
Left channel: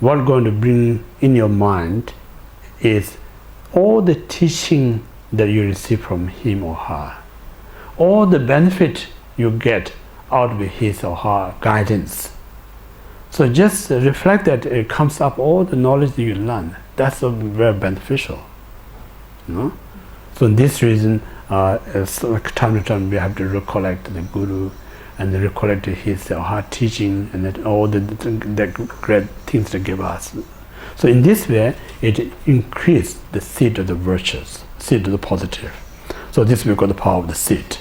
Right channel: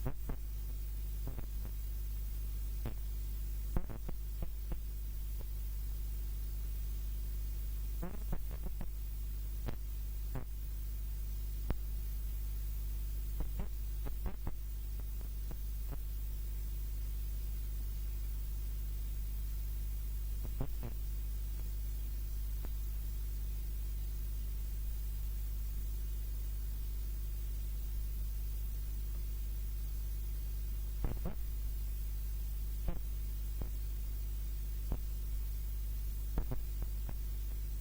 what's going to bring in your mind is all the teaching that you receive from him or her, all the benefit you get out of his or her guidance. So just reflect that it comes up all the knowledge that you learn. That's very beneficial. You know? So in this reason, like time to time we have to recollect the Guru and recollect his or her teaching and that all the great things they give us. So in this way, it increases the seed of the virtues, seed of the positive. So this we call the power of the seed.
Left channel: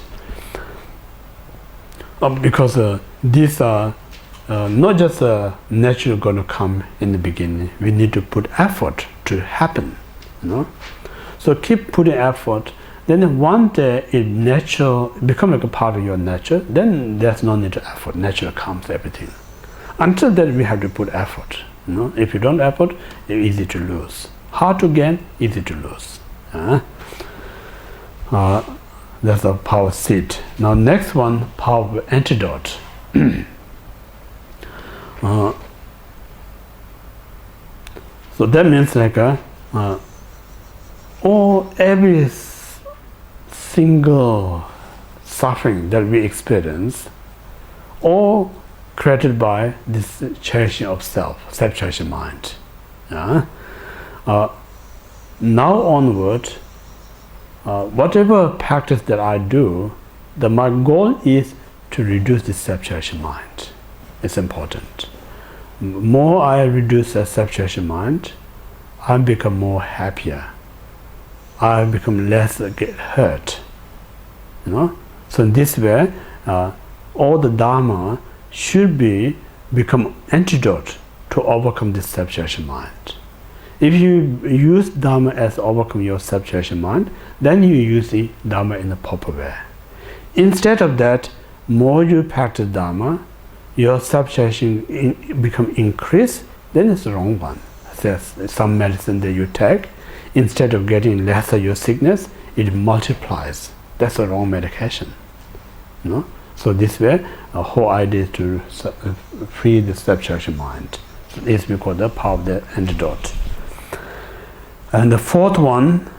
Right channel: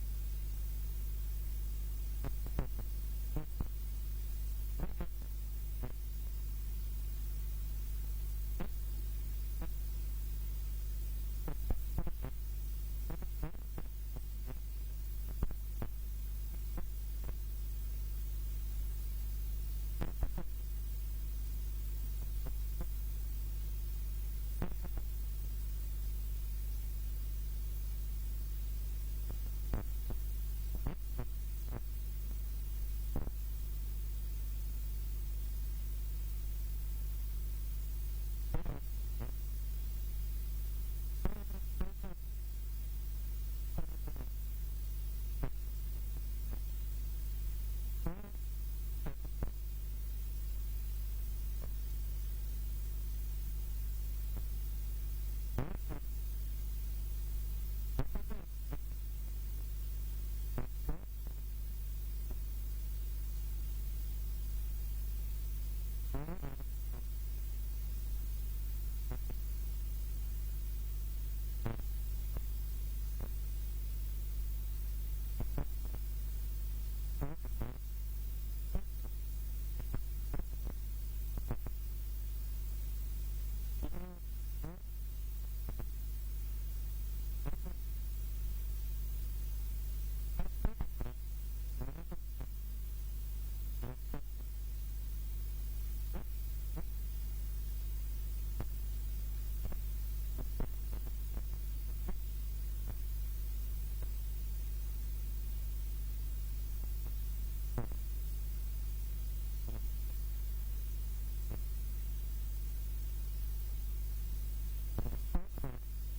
Because these are not just natural going to come in the beginning. We need to put effort to happen, you know. So keep putting effort. Then one day it natural become like a part of your nature. Then there's no need to effort. Nature comes everything. Until then we have to put effort. You know, if you don't effort, it's easy to lose. Hard to gain, easy to lose. That's the power seed. Now next one, power of antidote. So that means like every single suffering that we experience, all created by this cherishing of self-cherishing mind. Now onward, whatever practice that I do, my goal is to reduce this self-cherishing mind. It's important. More I reduce the self-cherishing mind, I become more happier. I become less get hurt. You know. So in this way, all the Dharma should become antidote to overcome this self-cherishing mind. If you use Dharma as overcome your self-cherishing mind, then you use the Dharma in the proper way. Instead of that, more you practice Dharma, your self-cherishing become increased, then it's the wrong one. There's some medicine that you take, instead of getting lesser your sickness, it multiplies. That's the wrong medication. You know? So this way, the whole idea is to free the self-cherishing mind. It's because the power of the antidote. And the fifth one,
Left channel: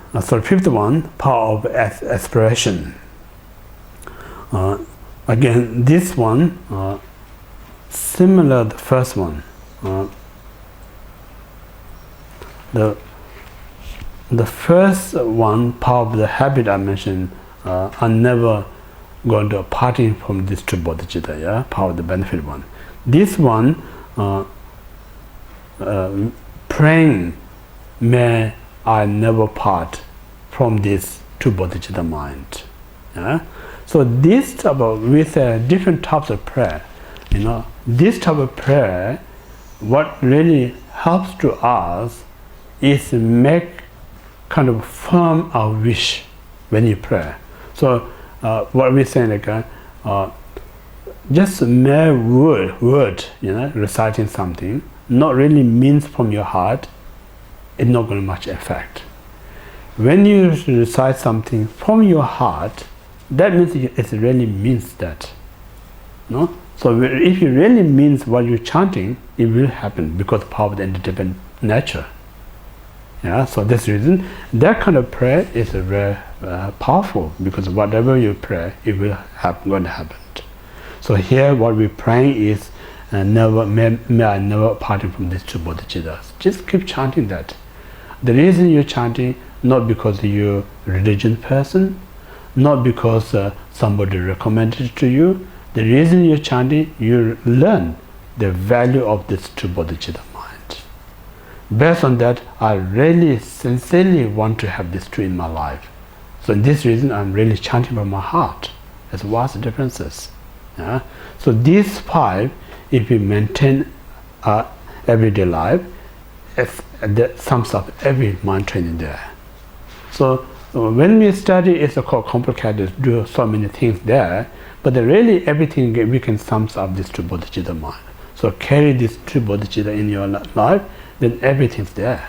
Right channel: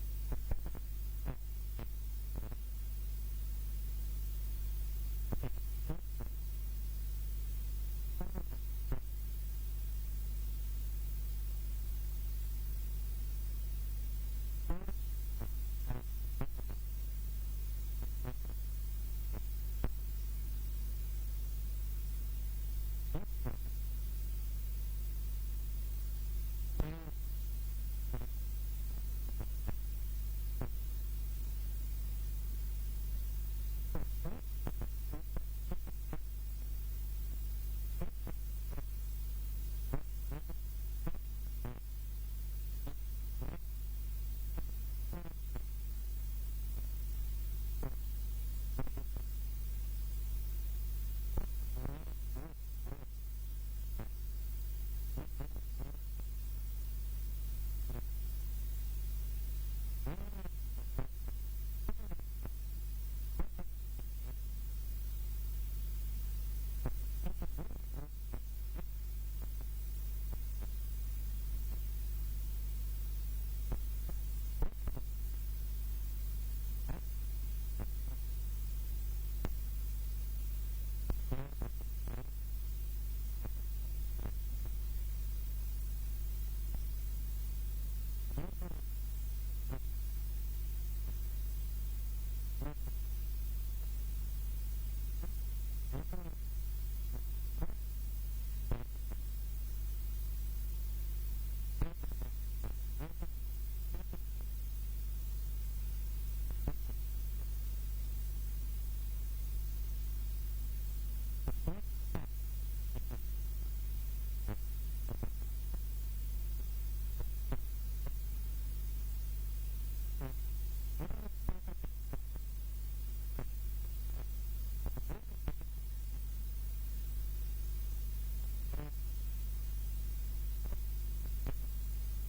power of aspiration. Again, this one, similar to the first one. The first one, power of the habit I mentioned, are never going to parting from this true bodhicitta, yeah? Power of the benefit one. This one, praying, may I never part from this true bodhicitta mind. Yeah? So this type of, with different types of prayer, you know, this type of prayer, what really helps to us is make kind of firm our wish when you pray. So what we're saying, like just mere word, you know, reciting something, not really means from your heart, it's not going to much effect. When you recite something from your heart, that means it really means that. No? So if it really means what you're chanting, it will happen because of the power of the independent nature. Yeah, so this reason, that kind of prayer is very powerful, because whatever you pray, it will going to happen. So here what we're praying is, may I never parting from these two bodhicittas. Just keep chanting that. The reason you're chanting, not because you're a religious person, not because somebody recommended it to you. The reason you're chanting, you learn the value of this true bodhicitta mind. Based on that, I really sincerely want to have this true in my life. So in this reason, I'm really chanting from my heart. There's vast differences. Yeah? So these five, if we maintain our everyday life, that sums up every mind training there. So when we study, it's quite complicated to do so many things there, but really everything we can sum up this true bodhicitta mind. So carry this true bodhicitta in your life, then everything's there.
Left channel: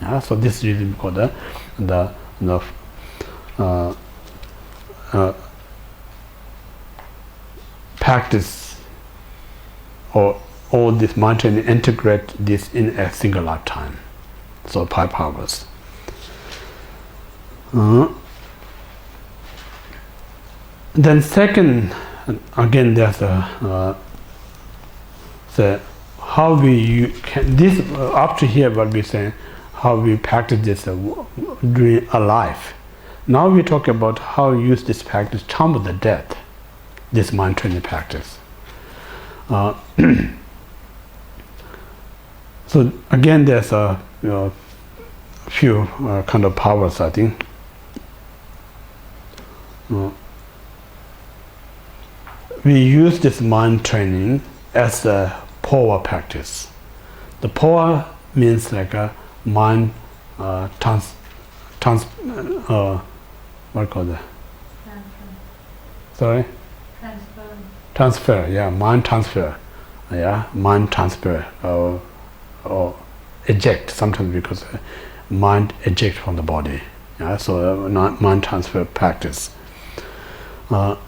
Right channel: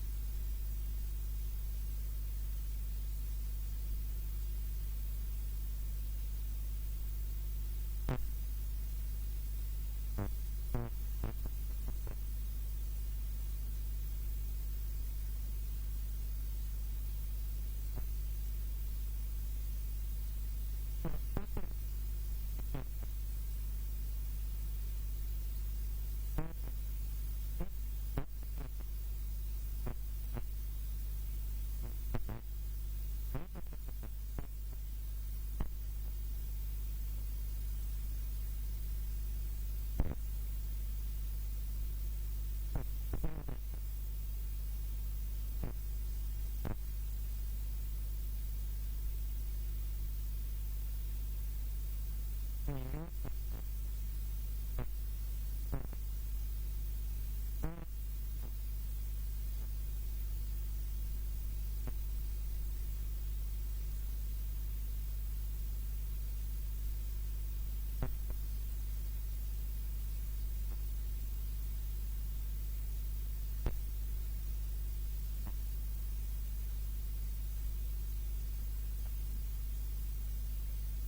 Yeah? So this is really called the practice or all this mind training, integrate this in a single lifetime. So 5 powers. Then second, again, there's how we can this up to here what we're saying, how we practice this during a life. Now we talk about how we use this practice time of the death, this mind training practice. So again, there's a few kind of powers, I think. We use this mind training as a power practice. The power means like a mind what call that? Sorry? Transfer, yeah, mind transfer. Yeah, mind transfer or eject, sometimes because mind eject from the body. Yeah, so mind transfer practice. So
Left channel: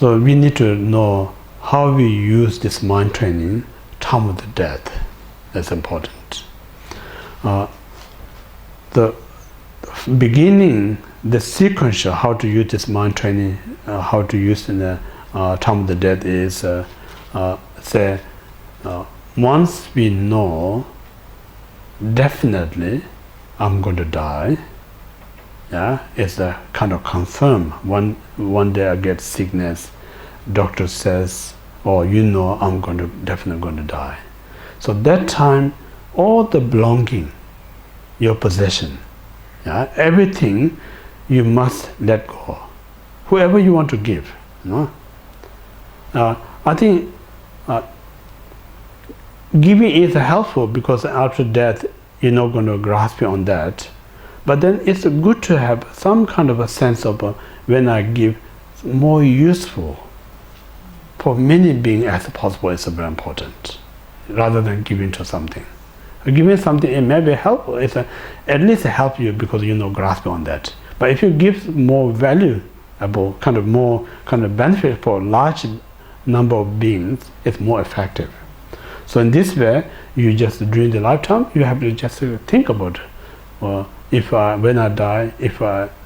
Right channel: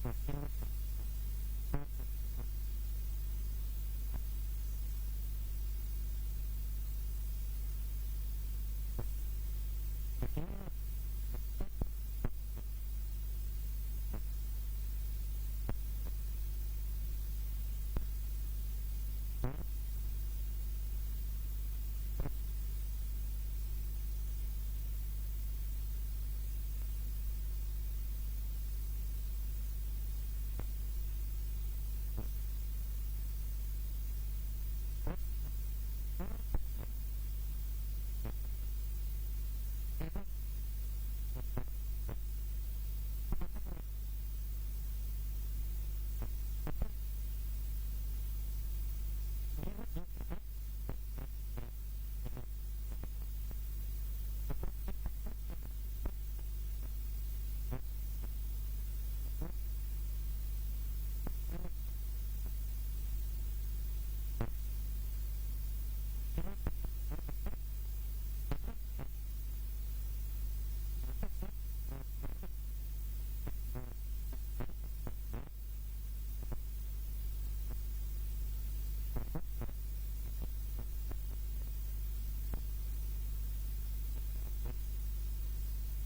we need to know how we use this mind training time of the death. That's important. The beginning, the sequential how to use this mind training, how to use in the time of the death is say once we know definitely I'm going to die. Yeah, it's a kind of confirm. One day I get sickness, doctor says, oh, you know I'm definitely going to die. So that time, all the belonging, your possession, yeah, everything you must let go. Whoever you want to give, you know. I think giving is helpful because after death you're not going to grasp on that. But then it's good to have some kind of a sense of when I give, more useful for many beings as possible is very important, rather than giving to something. Giving something, it may be helpful, at least help you because you know grasp on that. But if you give more valuable, more benefit for a large number of beings, it's more effective. So in this way, you just during the lifetime, you have to just think about when I die, if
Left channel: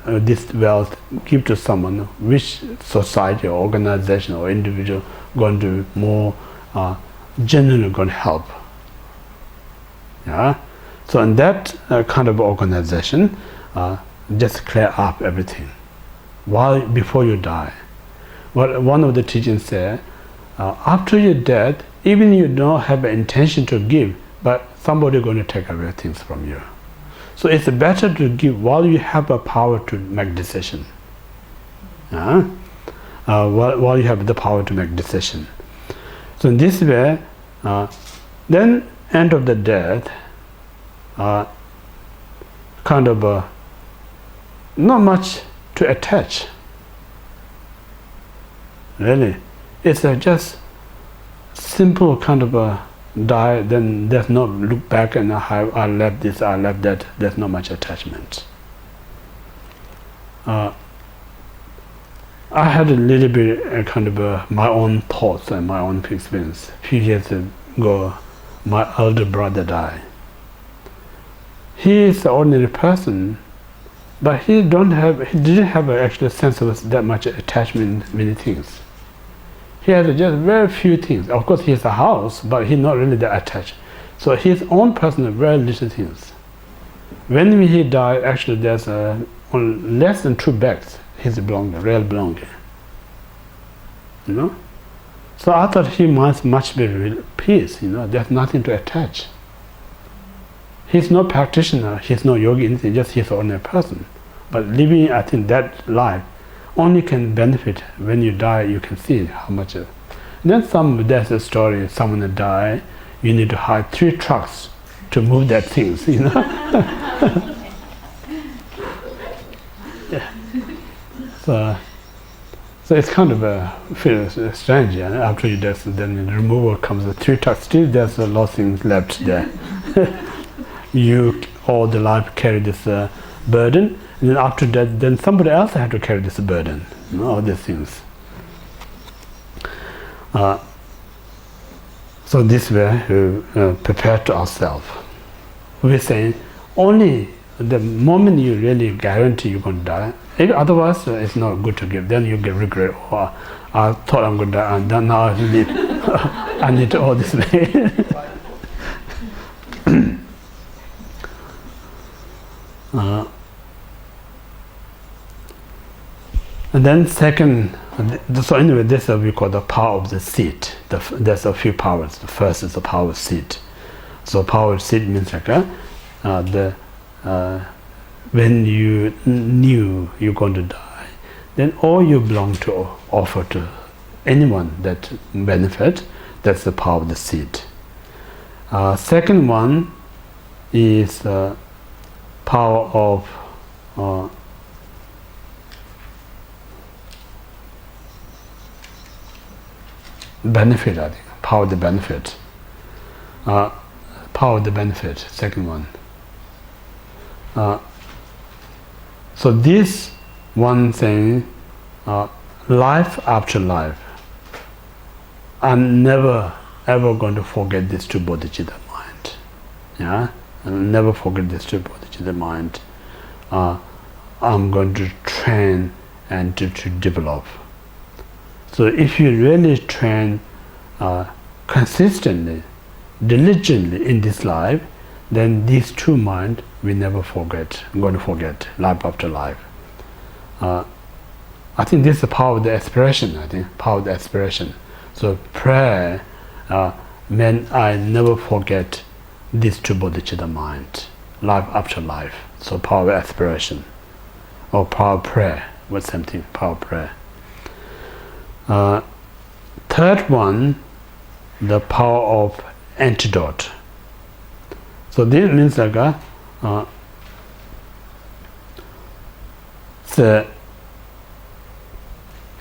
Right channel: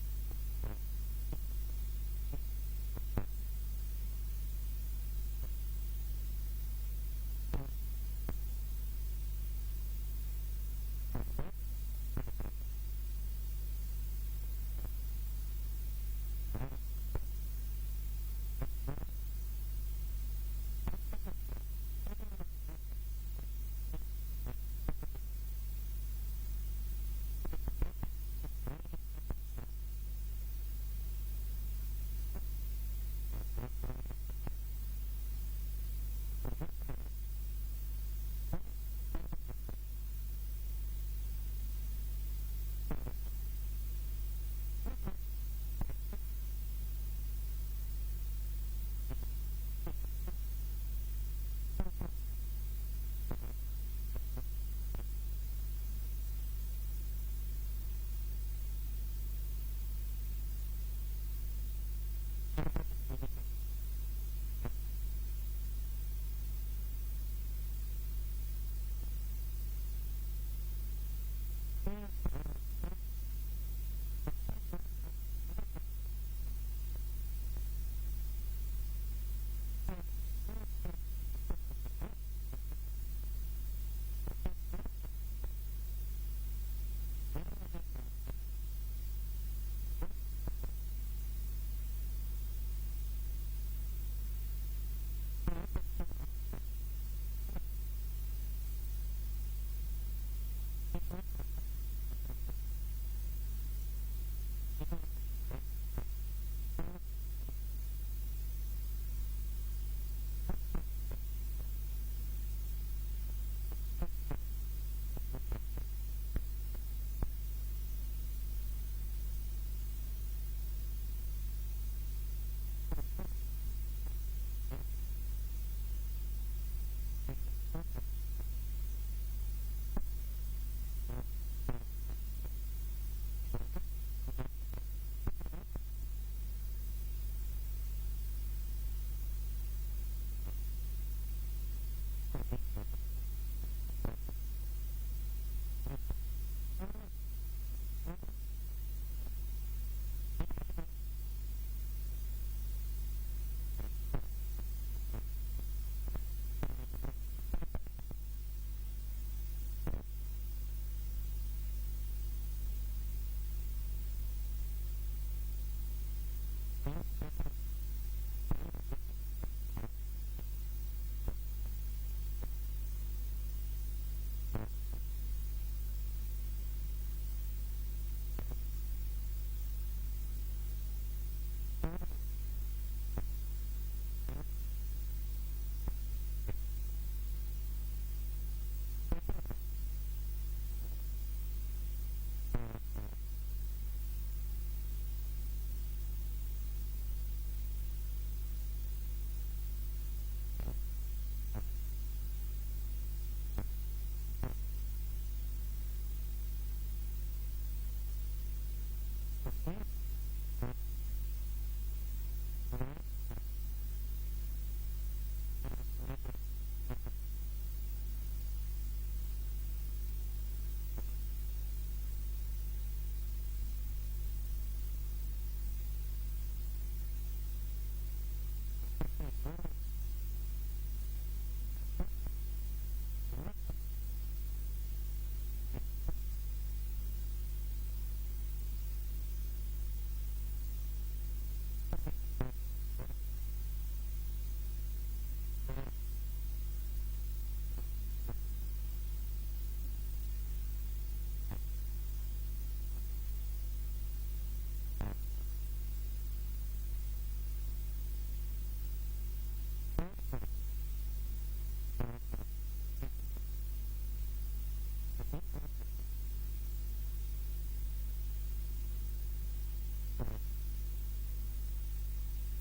this wealth give to someone, which society or organization or individual going to more genuinely going to help. Yeah. So in that kind of organization, just clear up everything before you die. What one of the teachings said, after you're dead, even you don't have an intention to give, but somebody going to take away things from you. So it's better to give while you have a power to make decision. While you have the power to make decision. So in this way, then end of the death, not much to attach. Really, it's just simple kind of a die, then there's no look back and I left this, I left that, there's not much attachment. I had a little bit my own thoughts and my own experience. A few years ago, my elder brother died. He is an ordinary person, but he didn't have an actual sense of that much attachment in many things. He has just very few things. Of course, he has a house, but he's not really that attached. So his own personal, very little things. When he died, actually, there's less than 2 bags. His belonging, real belonging. You know. So I thought he must be real peace. You know, there's nothing to attach. He's no practitioner. He's no yogi. Anything. Just he's an ordinary person. But living, I think, that life only can benefit when you die. You can see how much. Then there's a story. Someone that died, you need to hire 3 trucks to move that things. You know. Yeah. So it's kind of feels strange. Yeah? After you die, then the removal comes. The 3 trucks. Still, there's a lot of things left there. You all the life carry this burden. And then after that, then somebody else has to carry this burden, you know, all these things. So this way, we prepare to ourselves. We're saying only the moment you really guarantee you're going to die. Otherwise, it's not good to give. Then you get regret. Oh, I thought I'm going to die, and then now I need, I need all this way. And then second, so anyway, this is what we call the power of the seat. There's a few powers. The first is the power of seat. So power of seat means like when you knew you're going to die, then all you belong to offer to anyone that benefit. That's the power of the seed. Second one is power of benefit, I think. Power of the benefit. Power of the benefit, second one. So this one thing, life after life, I'm never ever going to forget this two bodhicitta mind. Yeah, I'll never forget this two bodhicitta mind. I'm going to train and to develop. So if you really train consistently, diligently in this life, then these two minds we never forget. I'm going to forget life after life. I think this is the power of the aspiration. I think power of the aspiration. So prayer meant I never forget this two bodhicitta mind, life after life. So power of aspiration, or power of prayer. What's something? Power of prayer. Third one, the power of antidote. So this means like the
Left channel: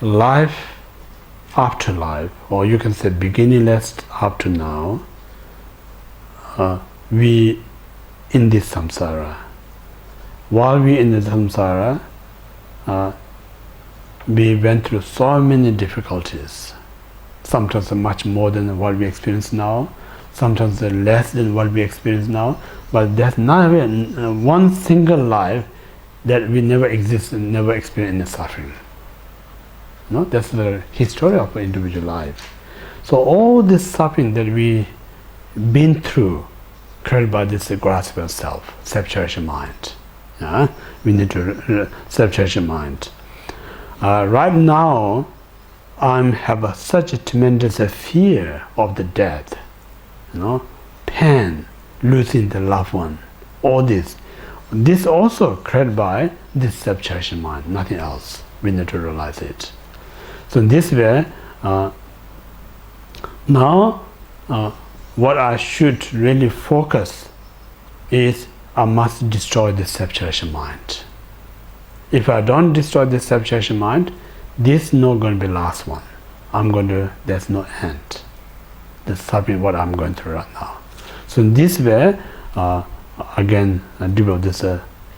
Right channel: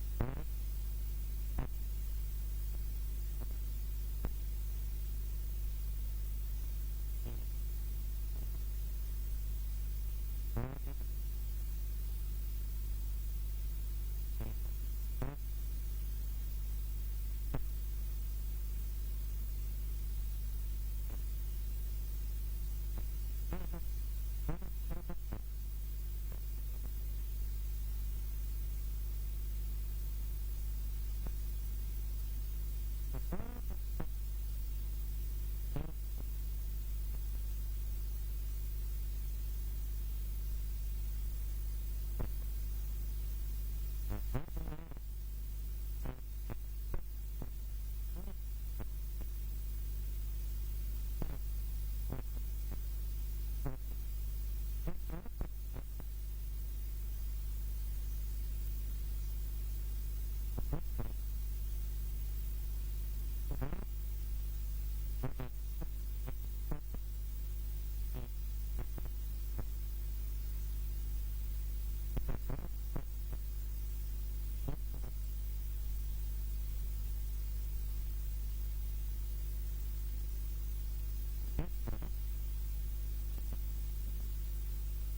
life after life, or you can say beginningless up to now, we in this samsara. While we in the samsara, we went through so many difficulties. Sometimes much more than what we experience now, sometimes less than what we experience now, but there's not even one single life that we never exist and never experience any suffering. No, that's the history of an individual life. So all this suffering that we been through, created by this grasp of self, self-cherishing mind. Yeah? We need to self-cherishing mind. Right now, I have such a tremendous fear of the death, pain, losing the loved one, all this. This also created by this self-cherishing mind, nothing else. We need to realize it. So in this way, now what I should really focus is I must destroy this self-cherishing mind. If I don't destroy this self-cherishing mind, this is not going to be the last one. There's no end. That's something what I'm going through right now. So in this way, again, I develop this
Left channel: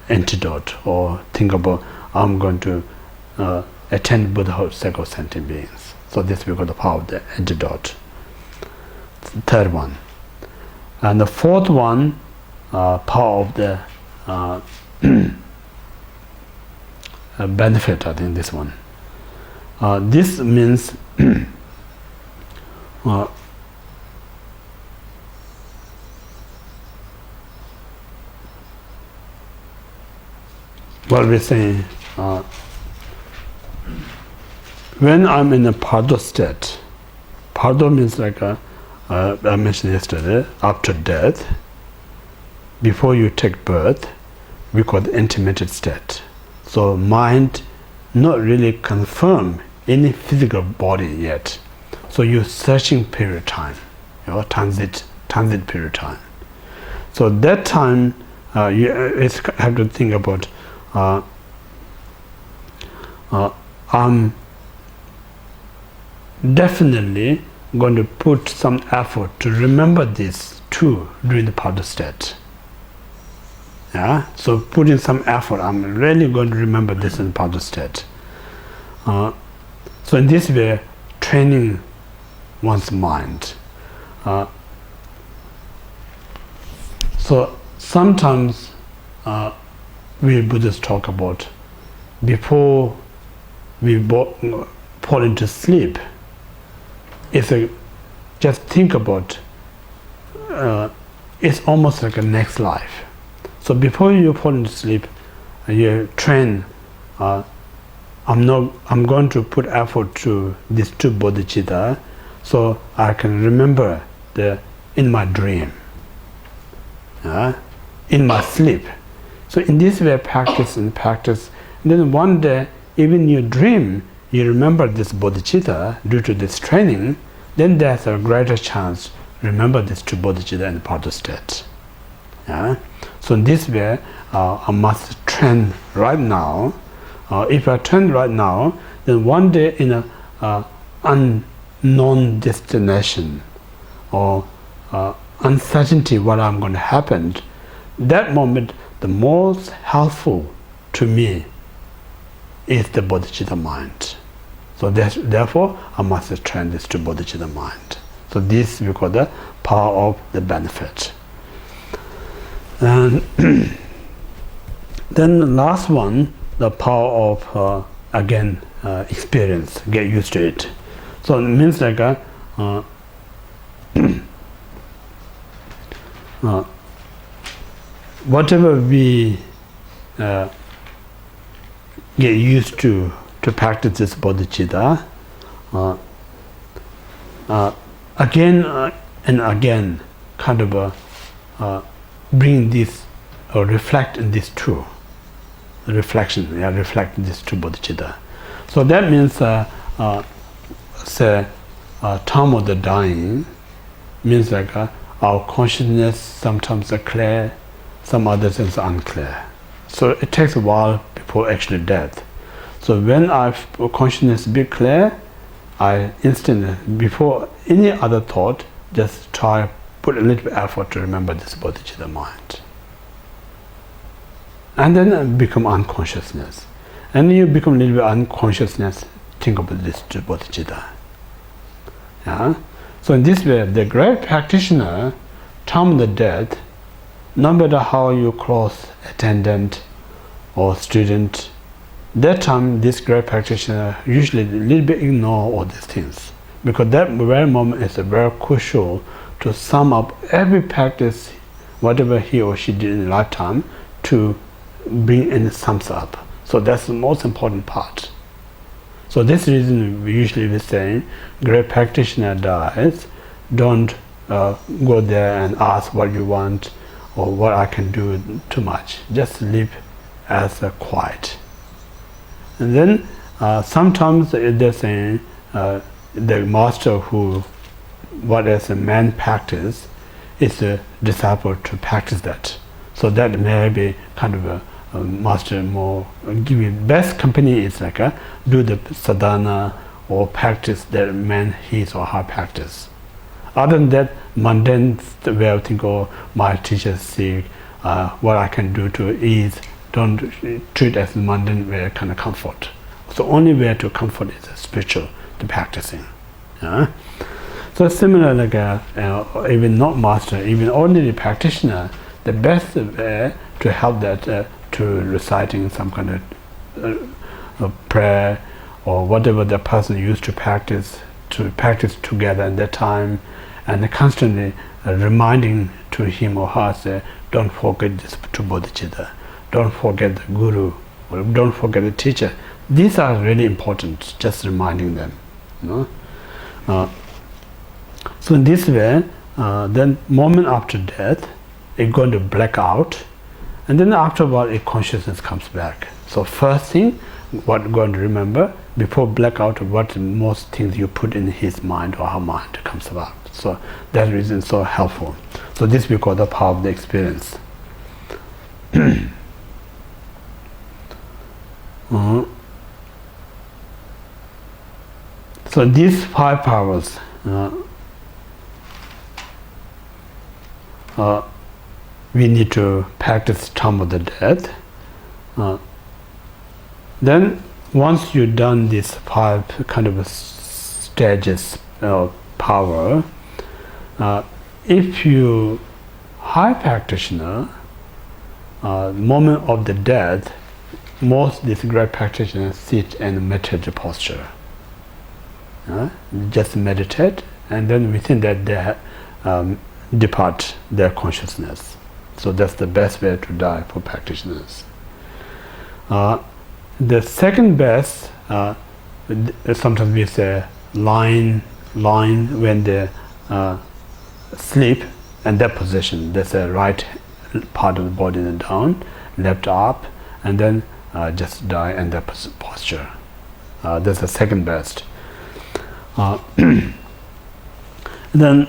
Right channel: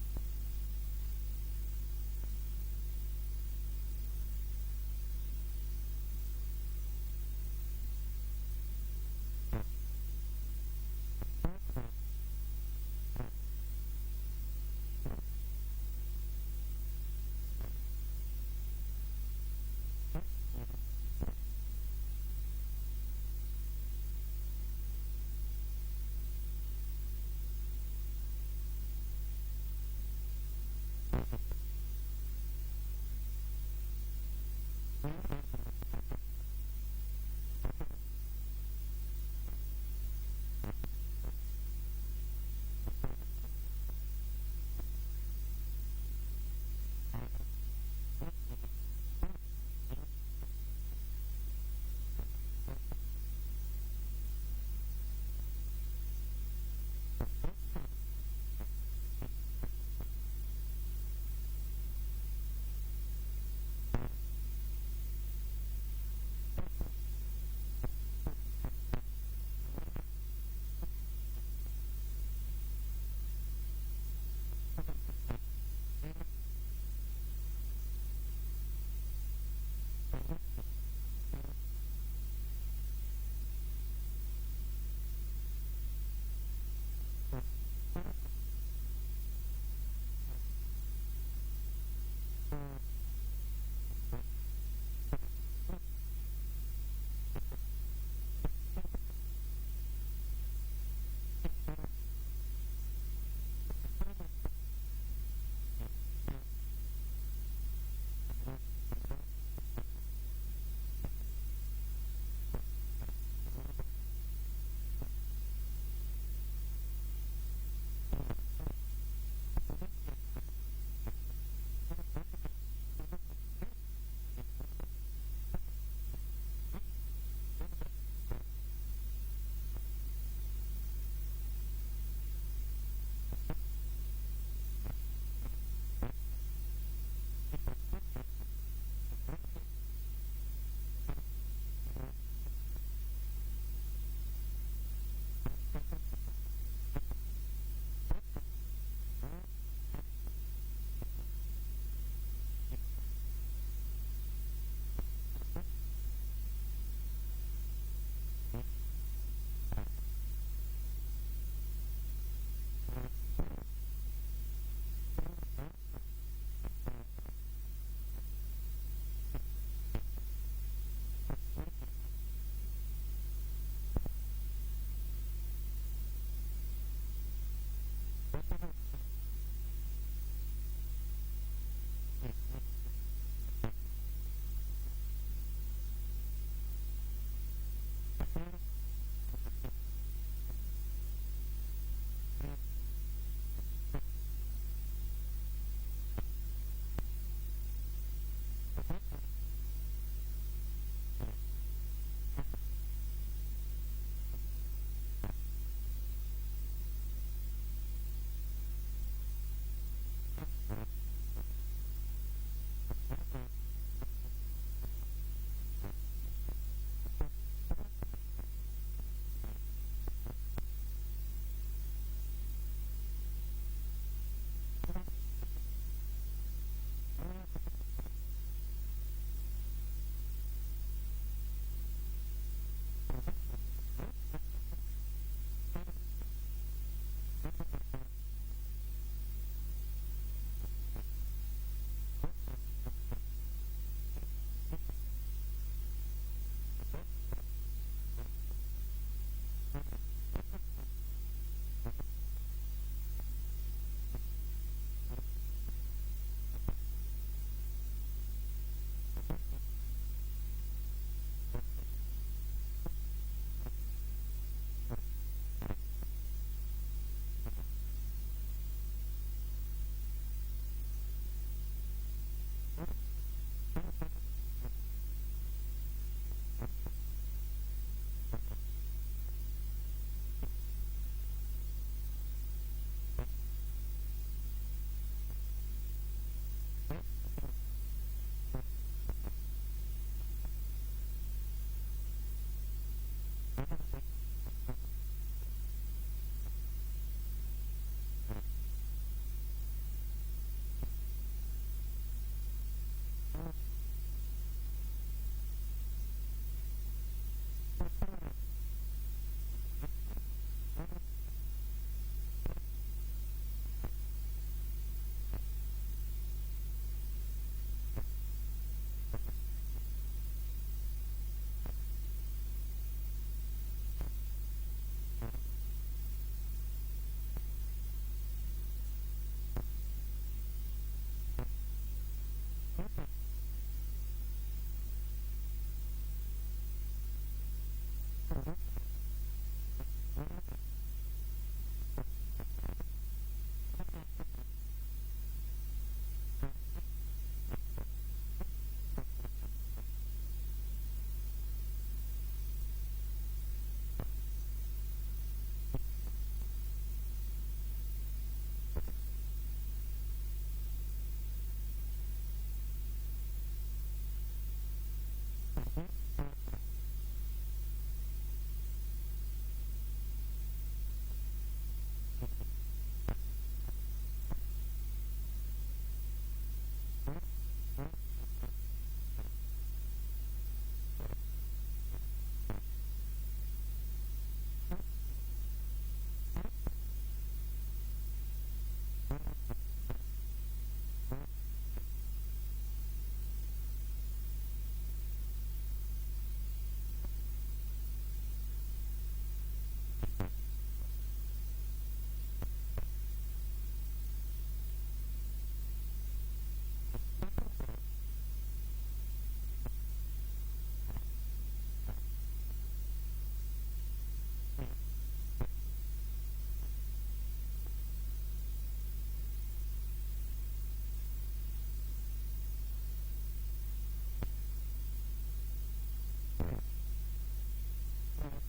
antidote, or think about I'm going to attend Buddhahood cycle sentient beings. So this we call the power of the antidote. Third one. And the fourth one, power of the benefit, I think this one. This means what we're saying, when I'm in a pardo state, pardo means like I mentioned yesterday, after death, before you take birth, we call the intermittent state. So mind not really confirm any physical body yet. So you're searching period of time, transit period of time. So that time you have to think about I'm definitely going to put some effort to remember this too during the pardo state. Yeah, so put in some effort. I'm really going to remember this in pardo state. So in this way, training one's mind. So sometimes we Buddhists talk about before we fall into sleep. Just think about it's almost like a next life. So before you fall into sleep, you train. I'm going to put effort to these two bodhicitta, so I can remember in my dream, in my sleep. So in this way, practice and practice. And then one day, even in your dream, you remember this bodhicitta due to this training, then there's a greater chance remember these two bodhicitta in part of state. Yeah? So in this way, I must train right now. If I train right now, then one day in a unknown destination or uncertainty what I'm going to happen, that moment the most helpful to me is the bodhicitta mind. So therefore I must train this to bodhicitta mind. So this we call the power of the benefit. And then the last one, the power of again experience, get used to it. So it means like whatever we get used to practice this bodhicitta, again and again, kind of bring this or reflect in this too. Reflection, reflect in this true bodhicitta. So that means, say, time of the dying means like our consciousness sometimes are clear, some other things are unclear. So it takes a while before actually death. So when our consciousness be clear, I instantly, before any other thought, just try put a little bit effort to remember this bodhicitta mind. And then become unconsciousness. And you become a little bit unconsciousness, think about this bodhicitta. Yeah? So in this way, the great practitioner, time of the death, no matter how you close attendant or student, that time this great practitioner usually a little bit ignore all these things. Because that very moment is very crucial to sum up every practice, whatever he or she did in a lifetime, to bring in sums up. So that's the most important part. So this reason we usually be saying, great practitioner dies, don't go there and ask what you want or what I can do too much. Just live as a quiet. And then sometimes they're saying the master who, what as a man practice, is a disciple to practice that. So that may be kind of a master more give you best company is like do the sadhana or practice that man his or her practice. Other than that, mundane way of thinking, oh, my teacher sick, what I can do to ease, don't treat as mundane way kind of comfort. So only way to comfort is spiritual, the practicing. So similar like even not master, even ordinary practitioner, the best way to help that to reciting some kind of prayer or whatever the person used to practice together in that time, and constantly reminding to him or her, say, don't forget this two bodhicitta, don't forget the guru, or don't forget the teacher. These are really important, just reminding them. So in this way, then moment after death, it's going to black out, and then after a while, a consciousness comes back. So first thing, what you're going to remember, before blackout, what most things you put in his mind or her mind comes about. So that reason is so helpful. So this we call the power of the experience. So these 5 powers, we need to practice time of the death. Then once you've done these 5 kind of stages of power, if you high practitioner, moment of the death, most these great practitioners sit in meditative posture. Just meditate, and then within that they depart their consciousness. So that's the best way to die for practitioners. The second best, sometimes we say lying when they sleep, and that position, that's the right part of the body and down, left up, and then just die in that posture. That's the second best. Then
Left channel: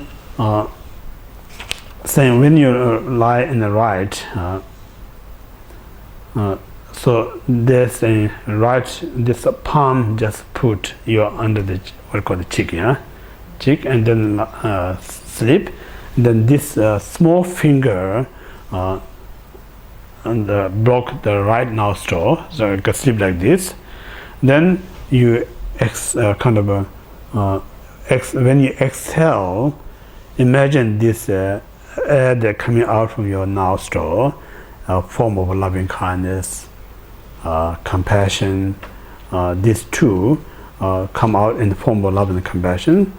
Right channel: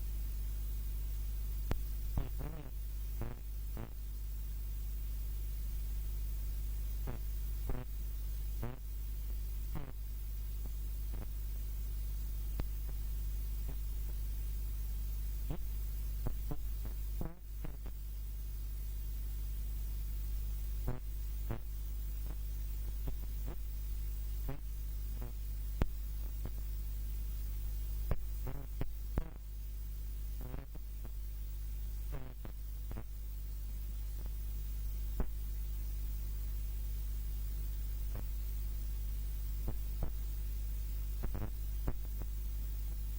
saying when you lie in the right, so there's a right, this palm, just put your under the what you call the cheek, cheek, and then sleep. Then this small finger and block the right nostril, so you can sleep like this. Then you when you exhale, imagine this air that coming out from your nostril, a form of loving kindness, compassion. These two come out in the form of love and compassion.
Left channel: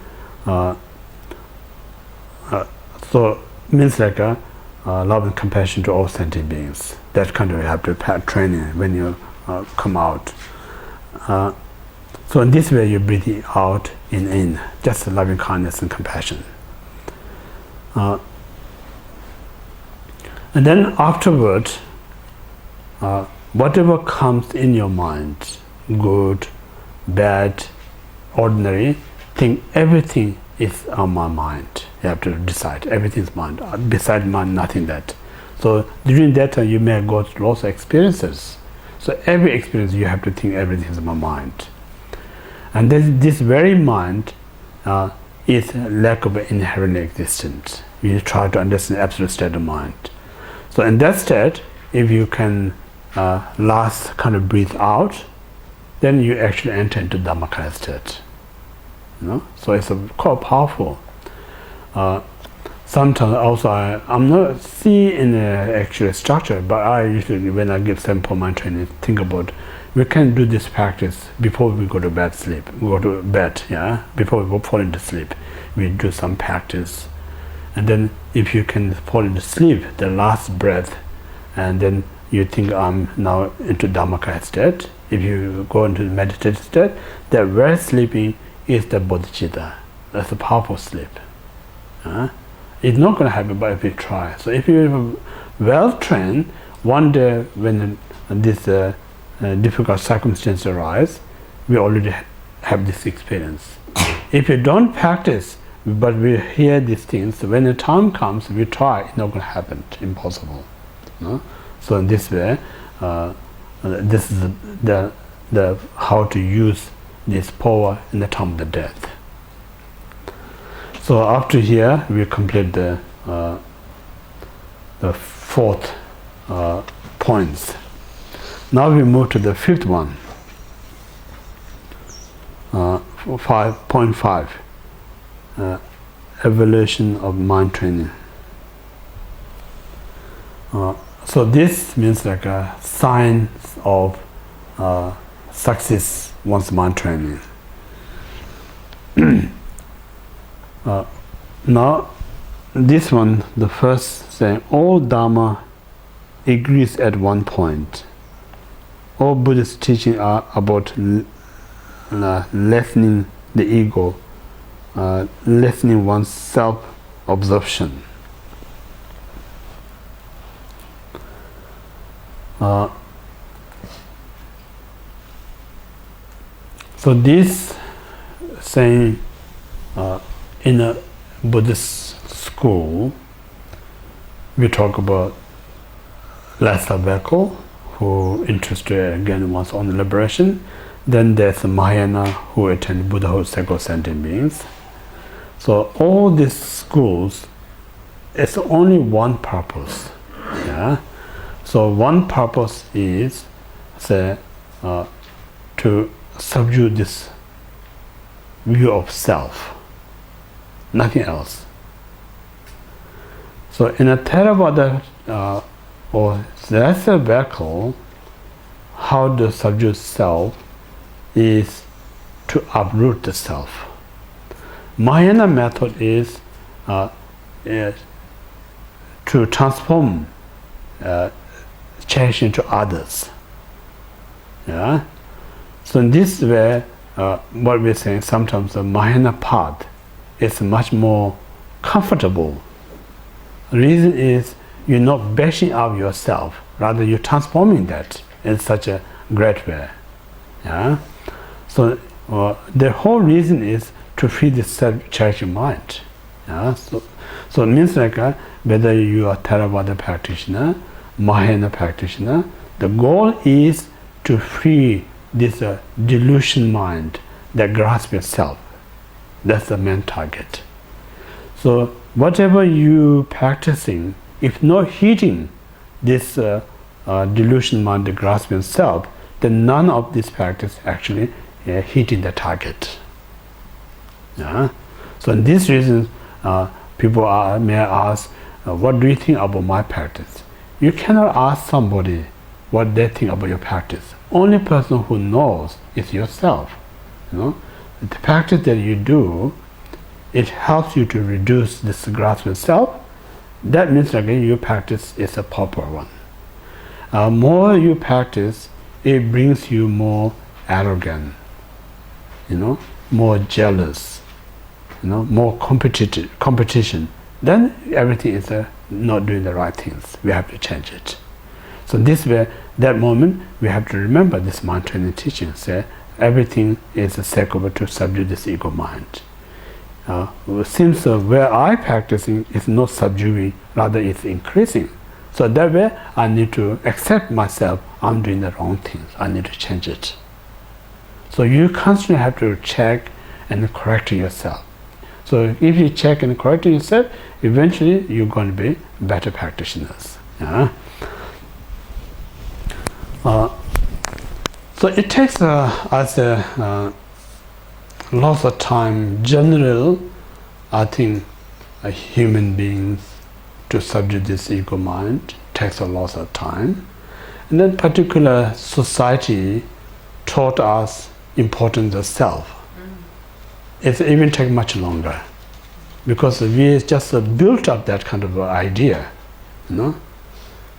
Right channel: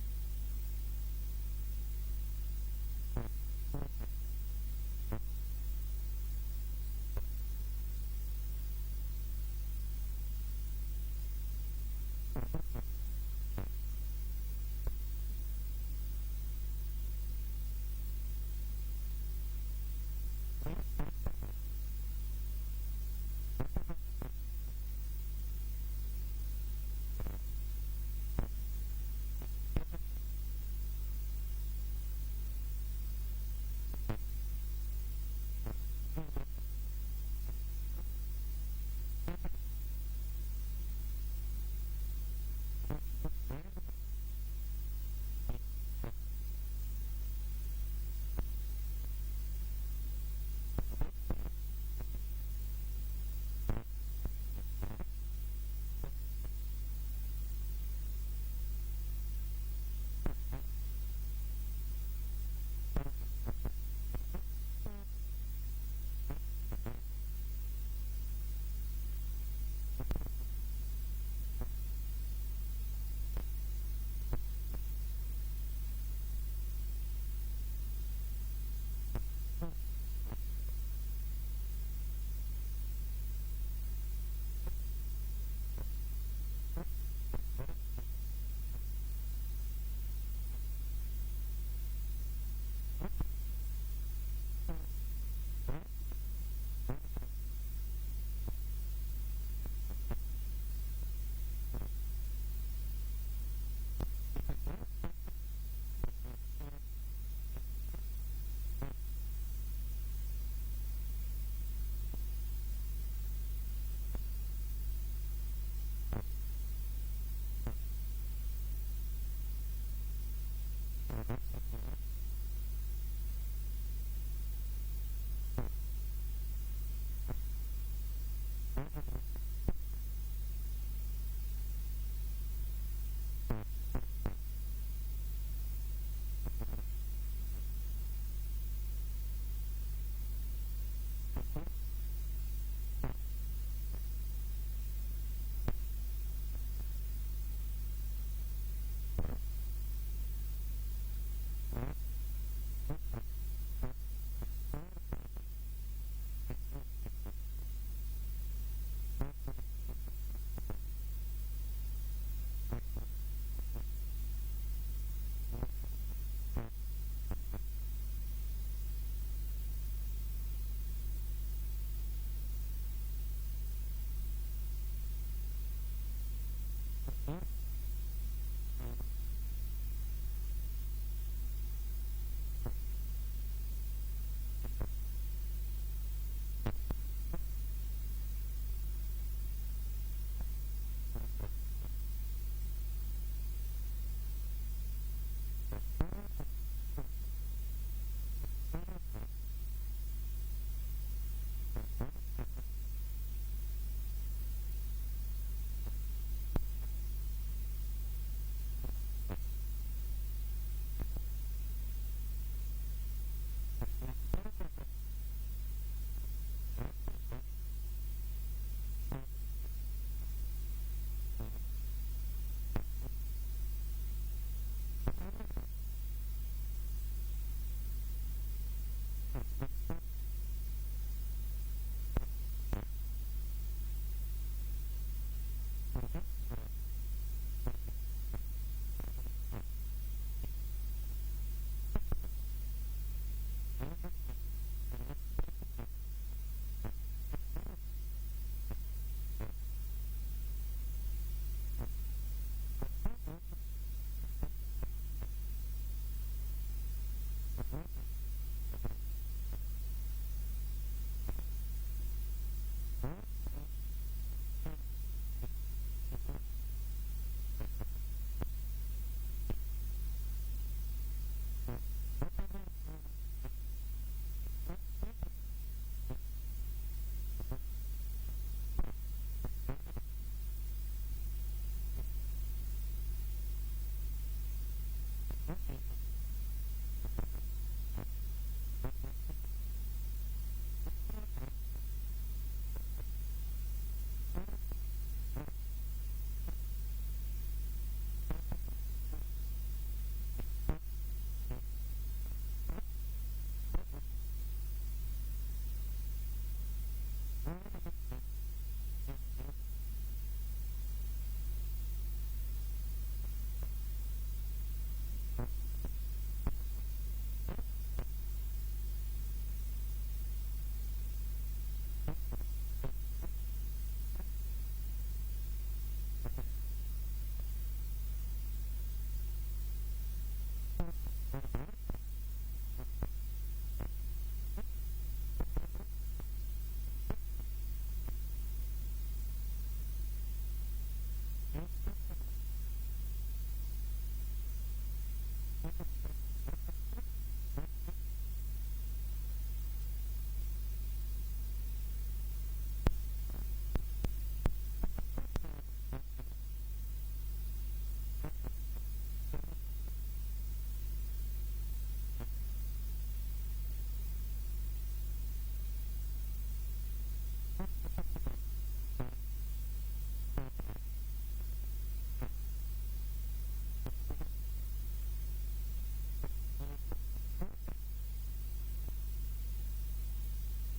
So means like love and compassion to all sentient beings. That kind of you have to training when you come out. So in this way you breathe out in, just loving kindness and compassion. And then afterward, whatever comes in your mind, good, bad, ordinary, think everything is on my mind. You have to decide, everything is mind. Beside mind, nothing that. So during that time you may go through lots of experiences. So every experience you have to think everything is my mind. And this very mind is lack of inherent existence. You try to understand absolute state of mind. So in that state, if you can last kind of breathe out, then you actually enter into Dhamchoe state. So it's quite powerful. Sometimes also I'm not seeing the actual structure, but I usually, when I give sample mind training, think about we can do this practice before we go to bed sleep. We go to bed, before we go fall into sleep. We do some practice. And then if you can fall into sleep, the last breath, and then you think I'm now into Dhamchoe state. If you go into the meditative state, that very sleeping is the bodhicitta. That's a powerful sleep. It's not going to happen, but if you try. So if you're well trained, one day when this difficult circumstances arise, we already have this experience. If you don't practice, but we hear these things, when the time comes, we try, it's not going to happen, impossible. So in this way, this is the how to use this power in the time of the death. So after here, we complete the fourth points. Now we move to the fifth one, 5.5, evaluation of mind training. So this means like a sign of success one's mind training. Now this one, the first saying, all Dharma agrees at one point. All Buddhist teachings are about lessening the ego, lessening one's self-absorption. So this saying in a Buddhist school, we talk about Lhasa Bhikkhu, who interested again once on liberation. Then there's Mahayana, who attend Buddhahood, sacred sentient beings. So all these schools, it's only one purpose. So one purpose is, say, to subdue this view of self, nothing else. So in a Theravada or Lhasa Bhikkhu, how to subdue self is to uproot the self. Mahayana method is to transform, change into others. So in this way, what we're saying, sometimes the Mahayana path is much more comfortable. The reason is you're not bashing out yourself, rather you're transforming that in such a great way. So the whole reason is to free the self-cherishing mind. So it means like whether you are Theravada practitioner, Mahayana practitioner, the goal is to free this delusion mind that grasps yourself. That's the main target. So whatever you practicing, if not hitting this delusion mind that grasps yourself, then none of this practice actually hitting the target. So in this reason, people may ask, what do you think about my practice? You cannot ask somebody what they think about your practice. Only person who knows is yourself. The practice that you do, it helps you to reduce this grasp of self. That means again your practice is a proper one. More you practice, it brings you more arrogant, more jealous, more competition. Then everything is not doing the right things. We have to change it. So this way, that moment, we have to remember this mind training teaching. Say everything is a secular to subdue this ego mind. Since where I practicing is not subduing, rather it's increasing. So that way, I need to accept myself. I'm doing the wrong things. I need to change it. So you constantly have to check and correct yourself. So if you check and correct yourself, eventually you're going to be better practitioners. So it takes us lots of time. General, I think, human beings to subdue this ego mind takes a lot of time. And then particular society taught us importance of self. It even takes much longer because we just built up that kind of idea,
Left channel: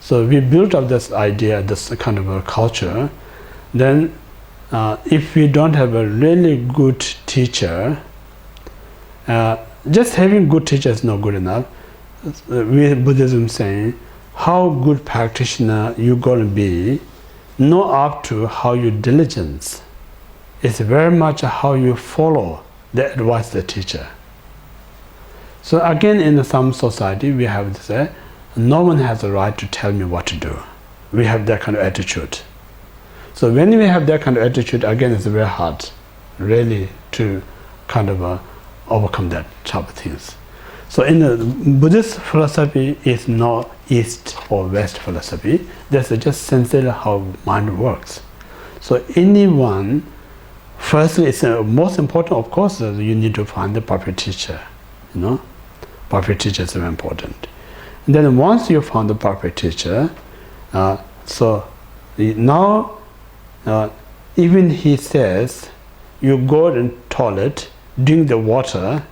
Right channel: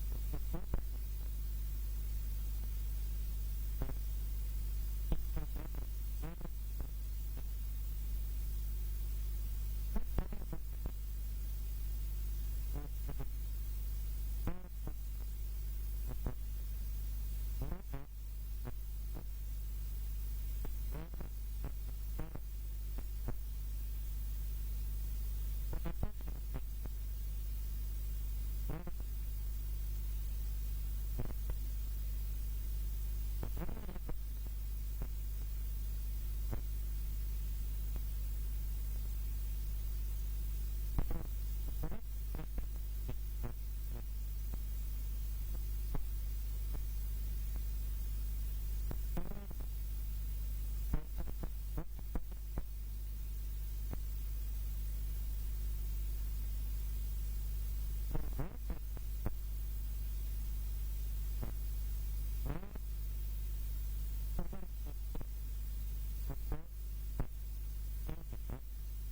So we built up this idea, this kind of a culture. Then if we don't have a really good teacher, just having good teacher is not good enough. We Buddhism saying, how good practitioner you're going to be, not up to how you diligence. It's very much how you follow the advice of the teacher. So again, in some society, we have to say, no one has the right to tell me what to do. We have that kind of attitude. So when we have that kind of attitude, again, it's very hard, really, to kind of overcome that type of things. So in the Buddhist philosophy, is not East or West philosophy. That's just sincerely how mind works. So anyone, firstly, it's most important, of course, you need to find the proper teacher. Proper teacher is very important. And then once you found the proper teacher, so now even he says, you go in toilet, drink the water,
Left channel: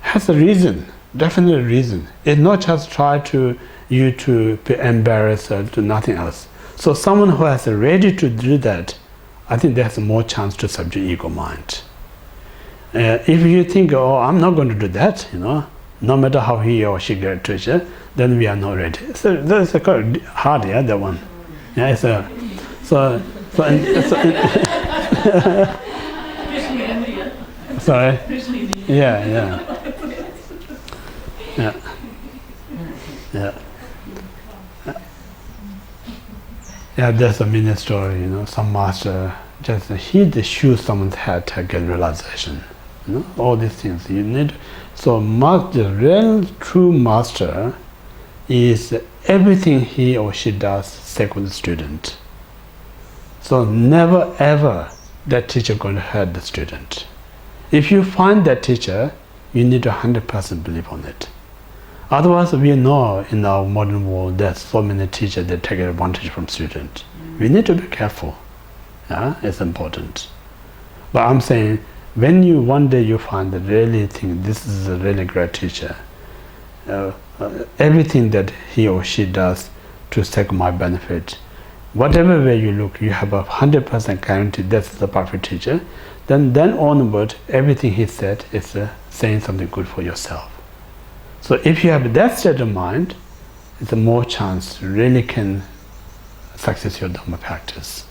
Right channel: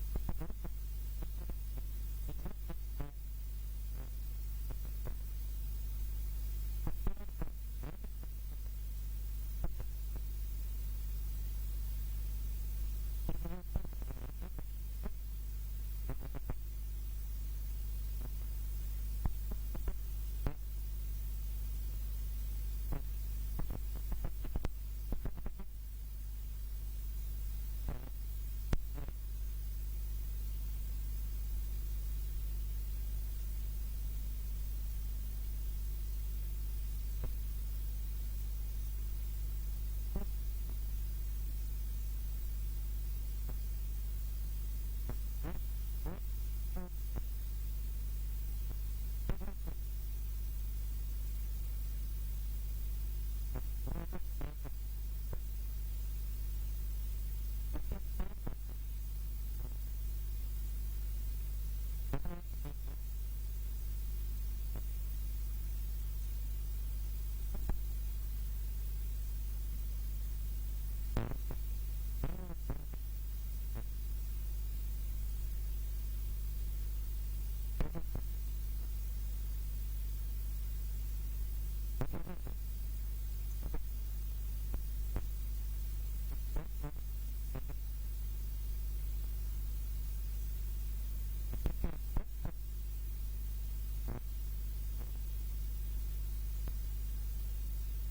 has a reason, definite reason. It's not just try to you to be embarrassed or to nothing else. So someone who has ready to do that, I think there's more chance to subdue ego mind. If you think, oh, I'm not going to do that, no matter how he or she gets teacher, then we are not ready. So that's quite hard, that one. It's sorry. Yeah. There's a mini story. Some master just hit the shoe someone's head to get realization. All these things you need. So the real true master is everything he or she does stay with the student. So never ever that teacher going to hurt the student. If you find that teacher, you need to 100% believe on it. Otherwise, we know in our modern world there's so many teachers that take advantage from students. We need to be careful. It's important. But I'm saying, when you one day you find that really think this is a really great teacher, everything that he or she does to take my benefit, whatever way you look, you have a 100% guarantee that's the perfect teacher. Then onward, everything he said is saying something good for yourself. So if you have that state of mind, it's a more chance you really can success your Dhamma practice.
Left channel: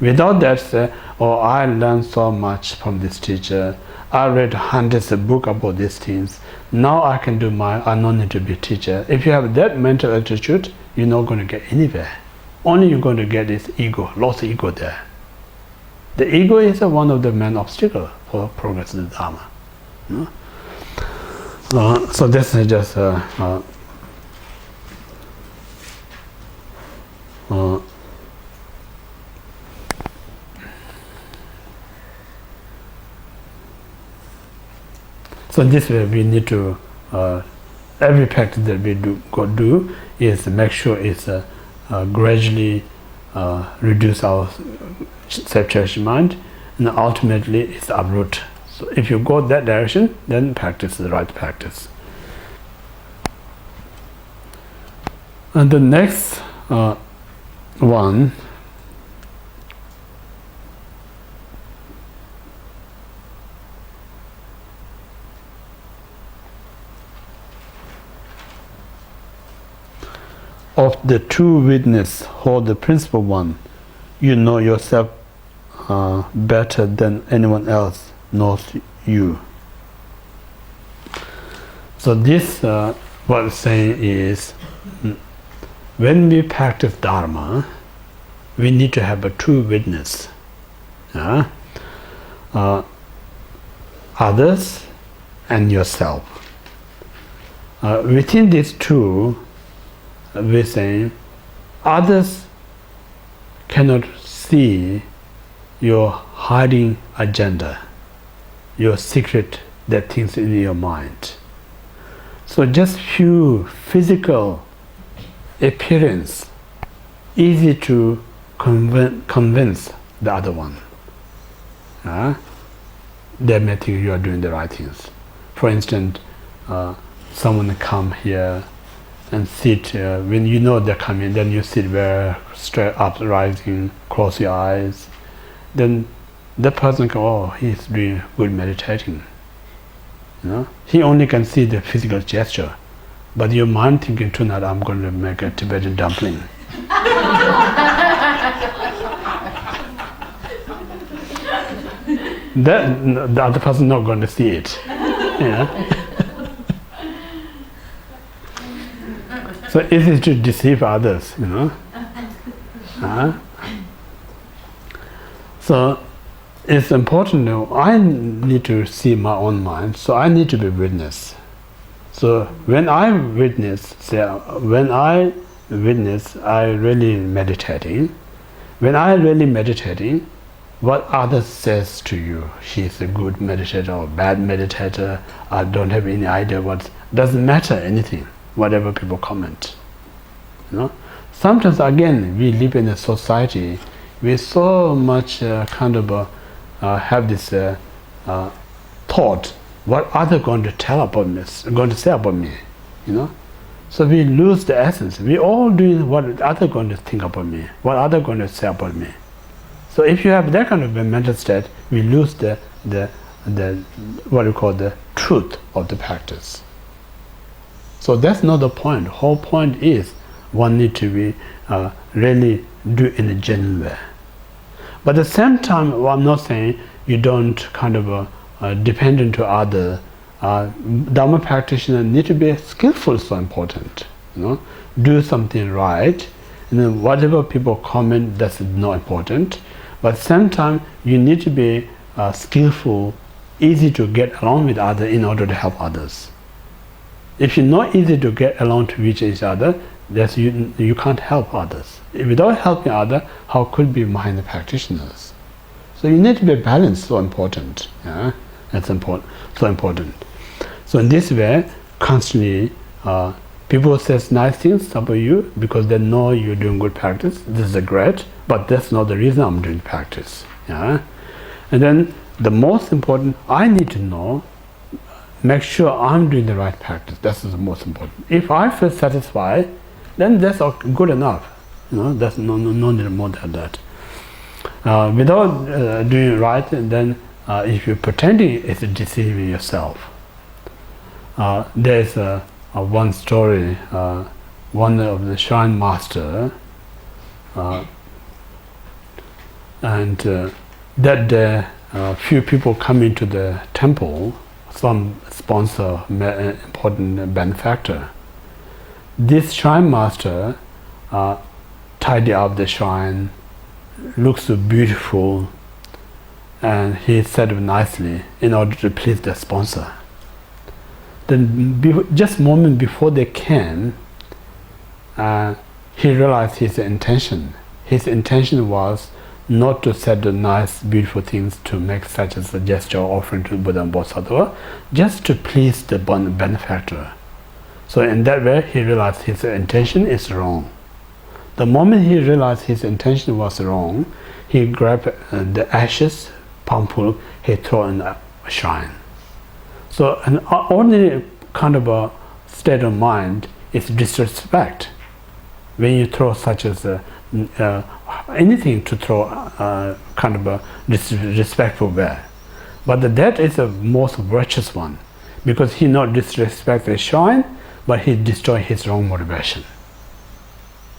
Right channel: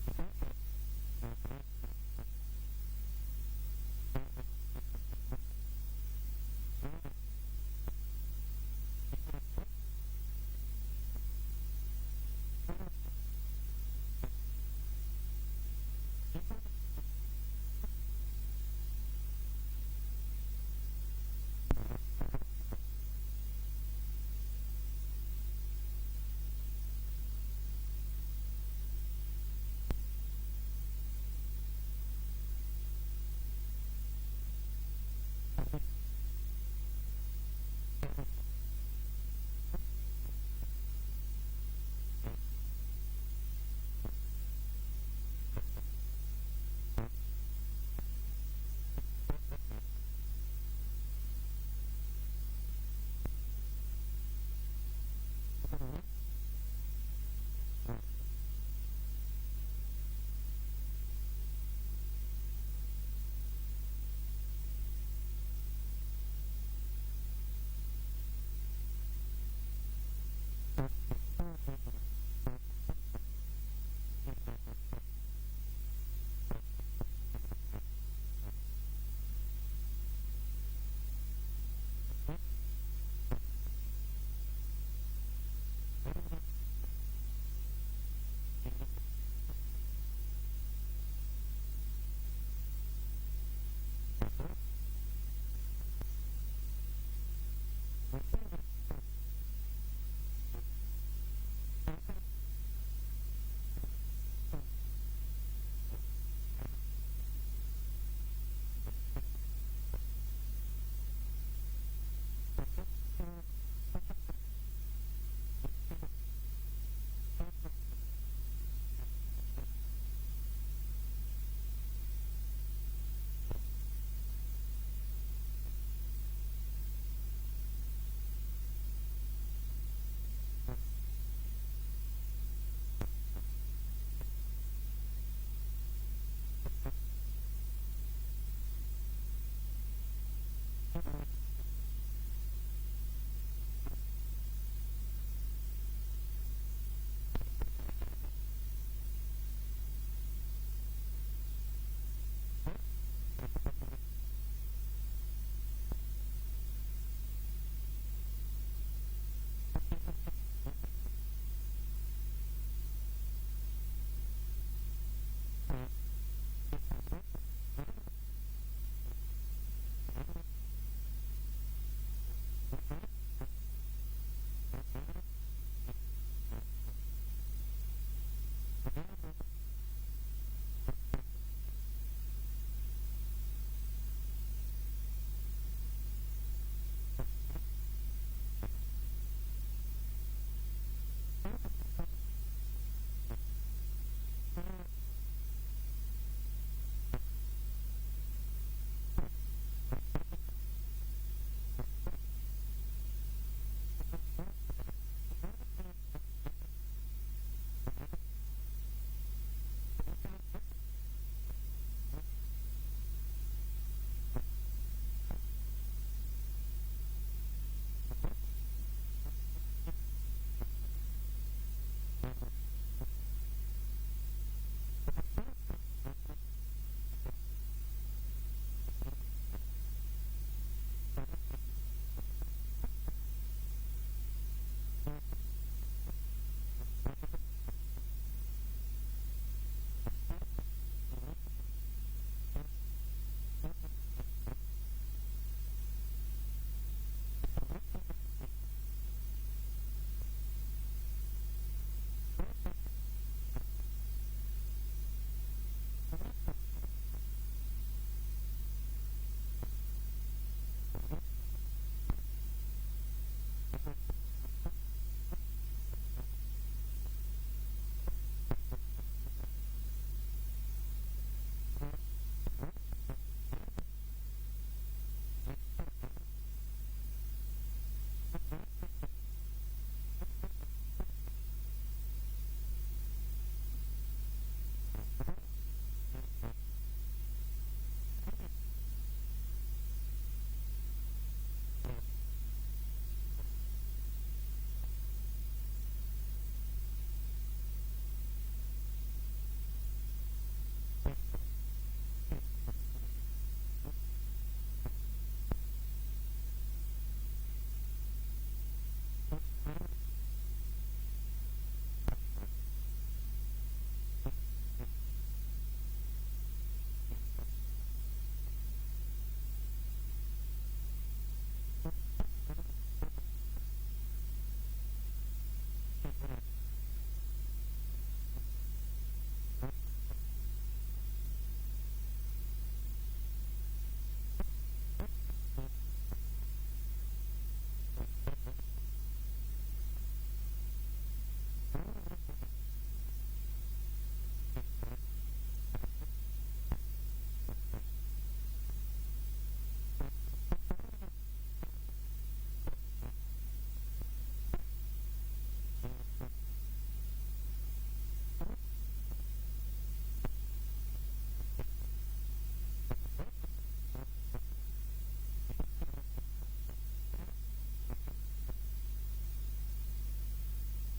Without that, say, oh, I learned so much from this teacher. I read hundreds of books about these things. Now I can do I don't need to be a teacher. If you have that mental attitude, you're not going to get anywhere. Only you're going to get is ego, lost ego there. The ego is one of the main obstacles for progress in the Dharma. You know? So this is just so this way we need to every practice that we do is make sure it's gradually reduce our self-cherished mind, and ultimately it's uproot. So if you go that direction, then practice the right practice. And the next one of the true witness hold the principal one. You know yourself better than anyone else knows you. So this what it's saying is, when we practice Dharma, we need to have a true witness. Others and yourself. Within these two, we're saying others cannot see your hiding agenda, your secret that things in your mind. So just few physical appearance, easy to convince the other one. They may think you are doing the right things. For instance, someone come here and sit, when you know they're coming, then you sit very straight up, rising, cross your eyes. Then the person can, oh, he's doing good meditating. He only can see the physical gesture, but your mind thinking, tonight I'm going to make a Tibetan dumpling. That the other person not going to see it. So easy to deceive others, So it's important that I need to see my own mind, so I need to be witness. So when I witness, I really meditating. When I really meditating, what others says to you, she's a good meditator or bad meditator, I don't have any idea what, doesn't matter anything, whatever people comment. Sometimes again, we live in a society with so much have this thought, what other going to tell about me, going to say about me, So we lose the essence. We all doing what other going to think about me, what other going to say about me. So if you have that kind of a mental state, we lose the what you call the truth of the practice. So that's not the point. Whole point is one need to be really do in a genuine way. But at the same time, I'm not saying you don't dependent to other. Dharma practitioner need to be skillful, so important. Do something right, and then whatever people comment, that's not important. But at the same time, you need to be skillful, easy to get along with others in order to help others. If you're not easy to get along to reach each other, that's you can't help others. Without helping others, how could be mindful practitioners? So you need to be balanced, so important. That's important, so important. So in this way, constantly, people say nice things about you because they know you're doing good practice. This is great, but that's not the reason I'm doing practice. And then the most important, I need to know, make sure I'm doing the right practice. That's the most important. If I feel satisfied, then that's good enough. That's no need more than that. Without doing right, then if you're pretending, it's deceiving yourself. There's one story. One of the shrine master And that day, few people come into the temple, some sponsor, important benefactor. This shrine master tidy up the shrine, looks so beautiful, and he set up nicely in order to please the sponsor. Then just a moment before they came, he realized his intention. His intention was not to set the nice, beautiful things to make such as a gesture or offering to Buddha and Bodhisattva, just to please the benefactor. So in that way, he realized his intention is wrong. The moment he realized his intention was wrong, he grabbed the ashes, palmful, he threw in a shrine. So an ordinary kind of a state of mind is disrespect. When you throw such as anything to throw kind of a disrespectful way. But that is the most virtuous one, because he not disrespect the shrine, but he destroy his wrong motivation.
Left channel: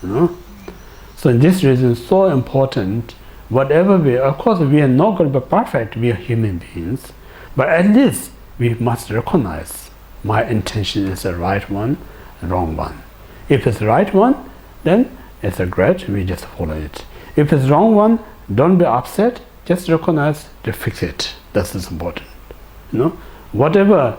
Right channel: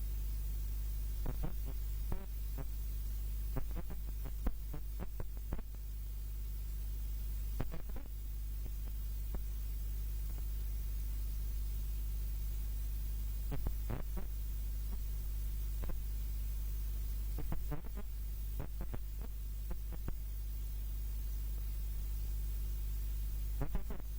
You know? So in this reason, it's so important, whatever we, of course we are not going to be perfect, we are human beings, but at least we must recognize my intention is the right one, wrong one. If it's the right one, then it's a great, we just follow it. If it's the wrong one, don't be upset, just recognize to fix it. That's important. You know? Whatever,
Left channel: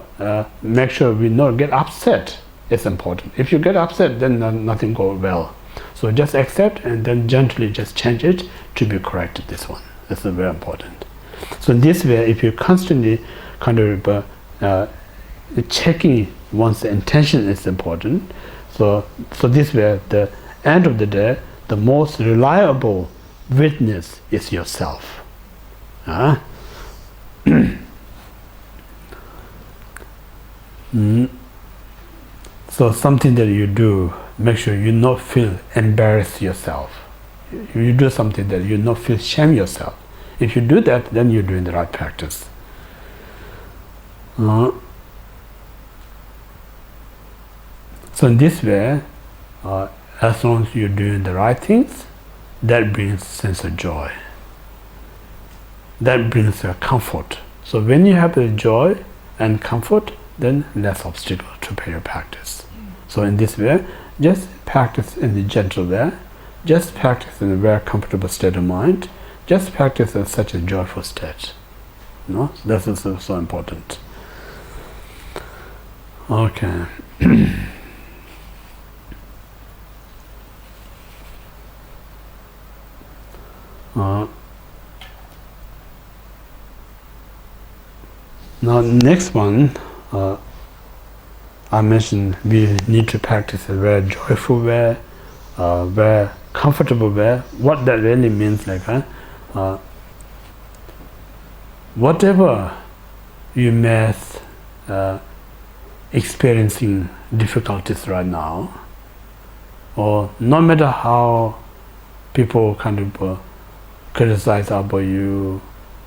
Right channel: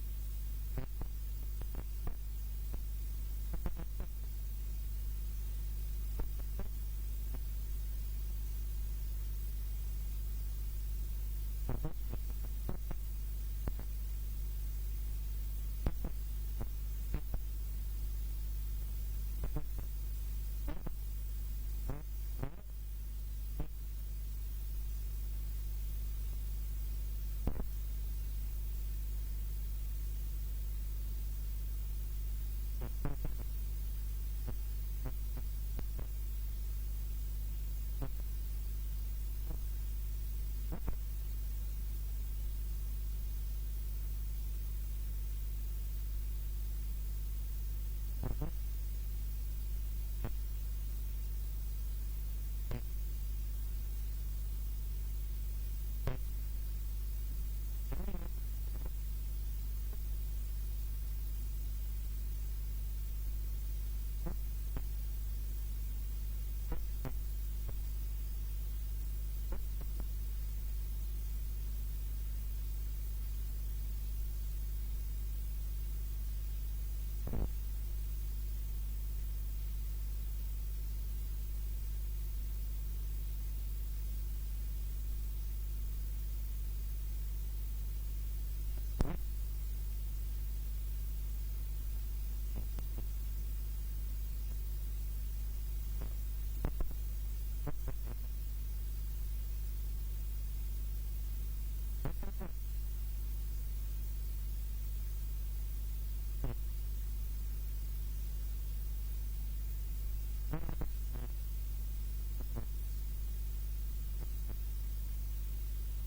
make sure we not get upset is important. If you get upset, then nothing goes well. So just accept and then gently just change it to be corrected, this one. This is very important. So in this way, if you constantly kind of checking one's intention is important. So this way, the end of the day, the most reliable witness is yourself. So something that you do, make sure you not feel embarrassed yourself. You do something that you not feel shame yourself. If you do that, then you're doing the right practice. So in this way, as long as you're doing the right things, that brings sense of joy. That brings a comfort. So when you have the joy and comfort, then less obstacle to pay your practice. So in this way, just practice in the gentle way, just practice in a very comfortable state of mind, just practice in such a joyful state. You know? That is so important. Okay. Now next one, I mentioned we need to practice a very joyful way, very comfortable way. What that really means, like whatever you may experiencing difficulties right now, or no matter how people kind of criticize about you,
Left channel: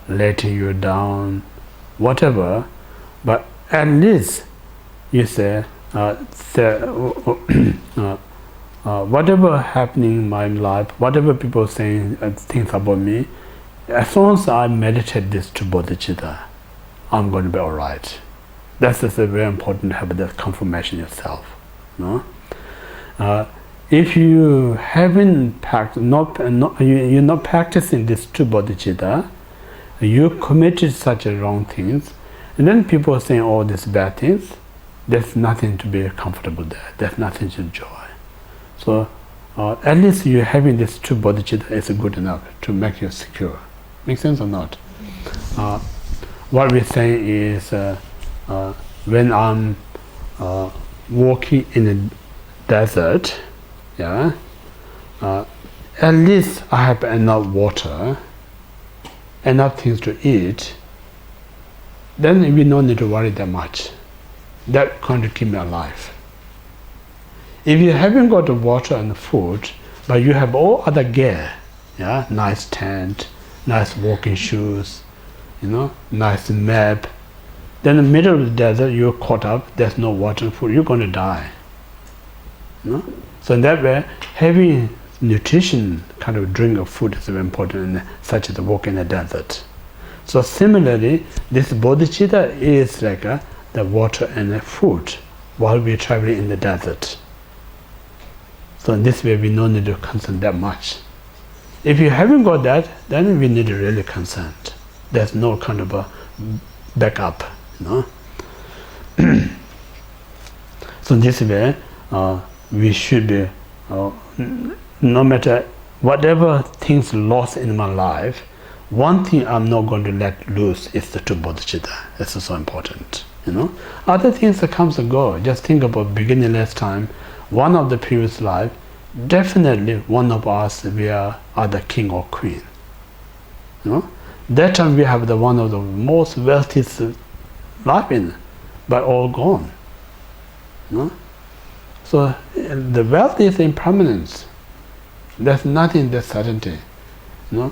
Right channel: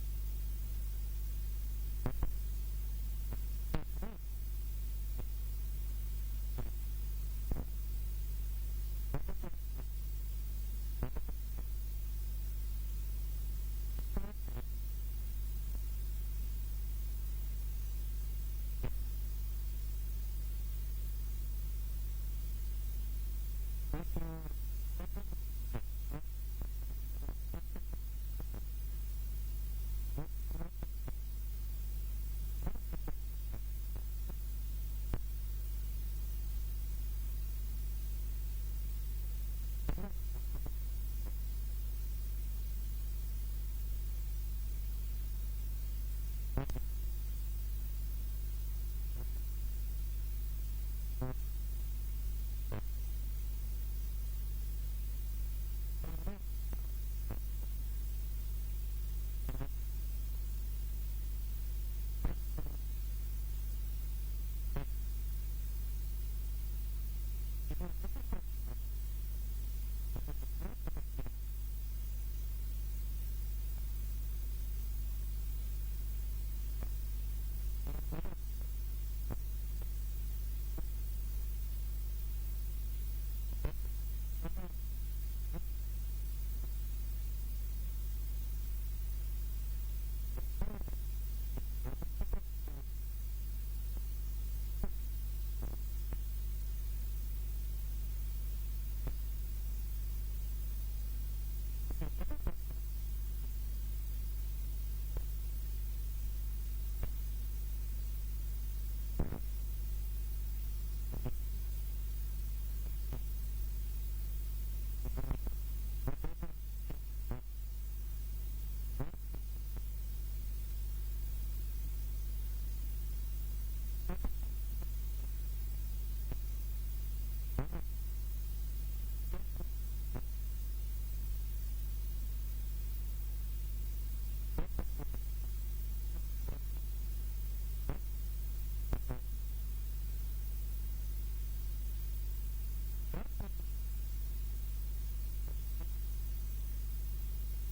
letting you down, whatever, but at least you say, whatever happening in my life, whatever people saying things about me, as long as I meditate this to bodhicitta, I'm going to be all right. That's just a very important habit, that confirmation yourself. No? If you haven't practiced, you're not practicing this to bodhicitta, you committed such a wrong things, and then people are saying all these bad things, there's nothing to be comfortable there. There's nothing to enjoy. So at least you having this true bodhicitta is good enough to make you secure. Make sense or not? What we're saying is, when I'm walking in the desert, yeah, at least I have enough water, enough things to eat, then we don't need to worry that much. That going to keep me alive. If you haven't got the water and the food, but you have all other gear, yeah, nice tent, nice walking shoes, you know, nice map, then in the middle of the desert you're caught up, there's no water and food, you're going to die. You know? So in that way, having nutrition kind of drink of food is very important, such as walk in the desert. So similarly, this bodhicitta is like the water and the food while we're traveling in the desert. So in this way, we don't need to concern that much. If you haven't got that, then we need to really concern. There's no kind of a backup, you know. So this way, we should be, no matter whatever things lost in my life, one thing I'm not going to let loose is the two bodhicitta. That's so important, you know. Other things that comes and go. Just think about beginning last time. One of the previous life, definitely one of us, we are the king or queen. You know, that time we have the one of the most wealthiest life in, but all gone. You know? So the wealth is impermanence. There's nothing that's certainty. You know?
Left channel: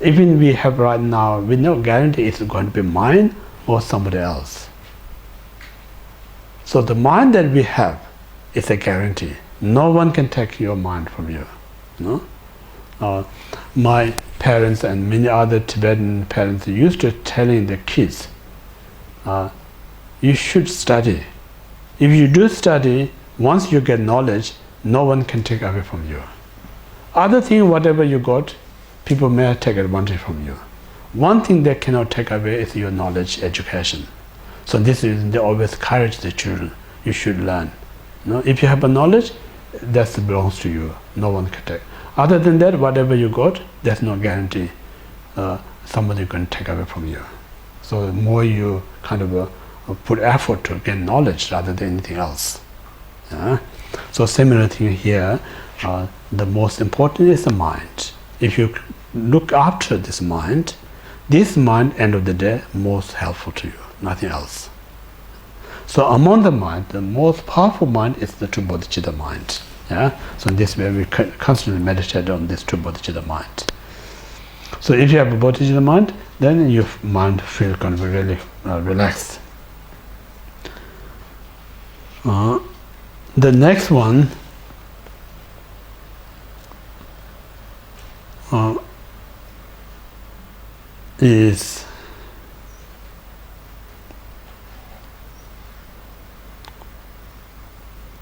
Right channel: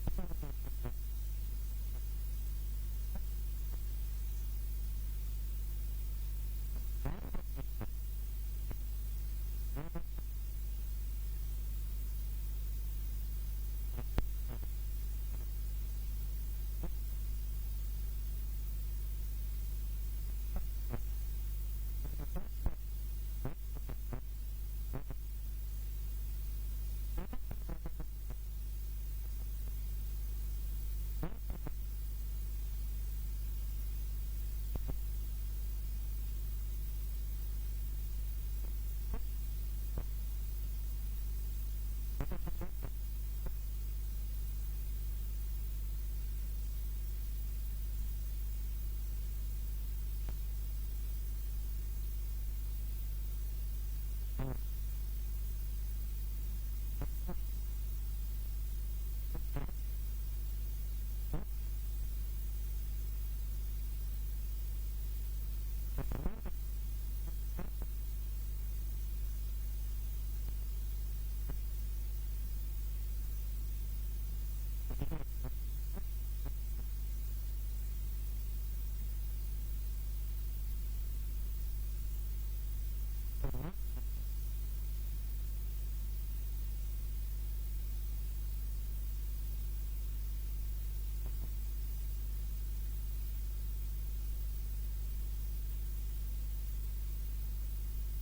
Even we have right now, we no guarantee it's going to be mine or somebody else. So the mind that we have is a guarantee. No one can take your mind from you. You know? My parents and many other Tibetan parents used to telling the kids, you should study. If you do study, once you get knowledge, no one can take away from you. Other thing, whatever you got, people may take advantage from you. One thing they cannot take away is your knowledge, education. So this is, they always encourage the children, you should learn. You know, if you have a knowledge, that belongs to you. No one can take. Other than that, whatever you got, there's no guarantee somebody can take away from you. So the more you kind of put effort to gain knowledge rather than anything else. Yeah? So similar thing here, the most important is the mind. If you look after this mind, end of the day, most helpful to you, nothing else. So among the mind, the most powerful mind is the two bodhicitta mind. Yeah? So in this way, we constantly meditate on this two bodhicitta mind. So if you have a bodhicitta mind, then your mind feels kind of really relaxed. The next one is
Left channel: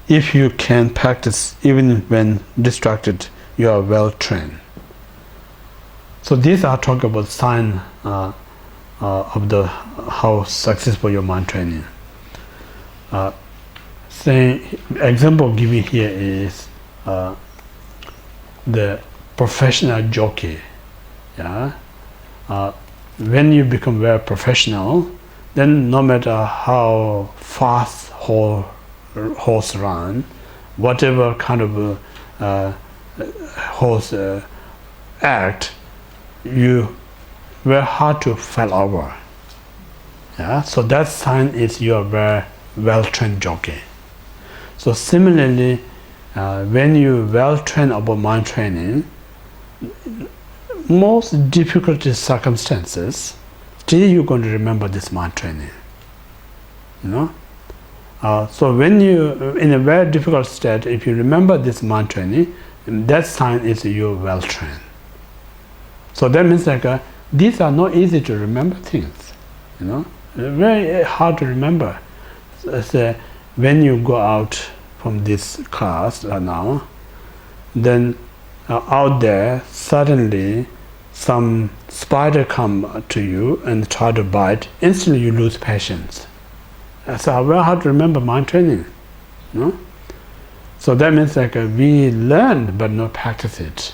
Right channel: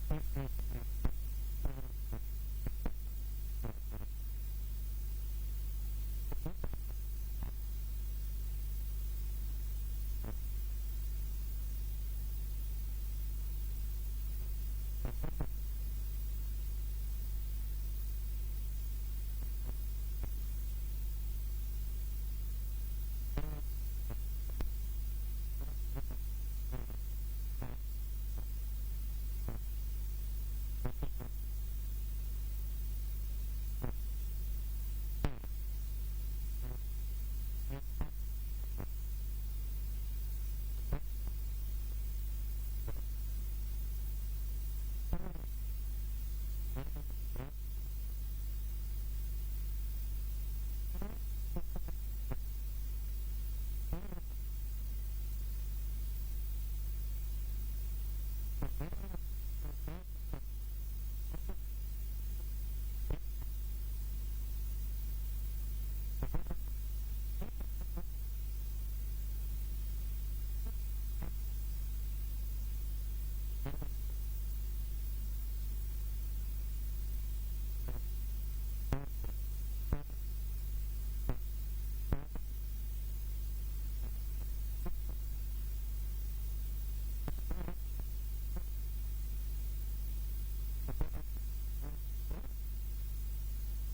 if you can practice even when distracted, you are well trained. So these are talking about sign of the how successful your mind training. Example given here is the professional jockey. Yeah, when you become very professional, then no matter how fast horse run, whatever kind of horse act, you very hard to fall over. Yeah, so that sign is you are very well-trained jockey. So similarly, when you well-trained about mind training, most difficult circumstances, still you're going to remember this mind training. You know. So when you in a very difficult state, if you remember this mind training, that sign is you're well trained. So that means like these are not easy to remember things. You know, very hard to remember. So when you go out from this class now, then out there suddenly some spider come to you and try to bite. Instantly you lose patience. So very hard to remember mind training, you know? So that means like we learn but not practice it.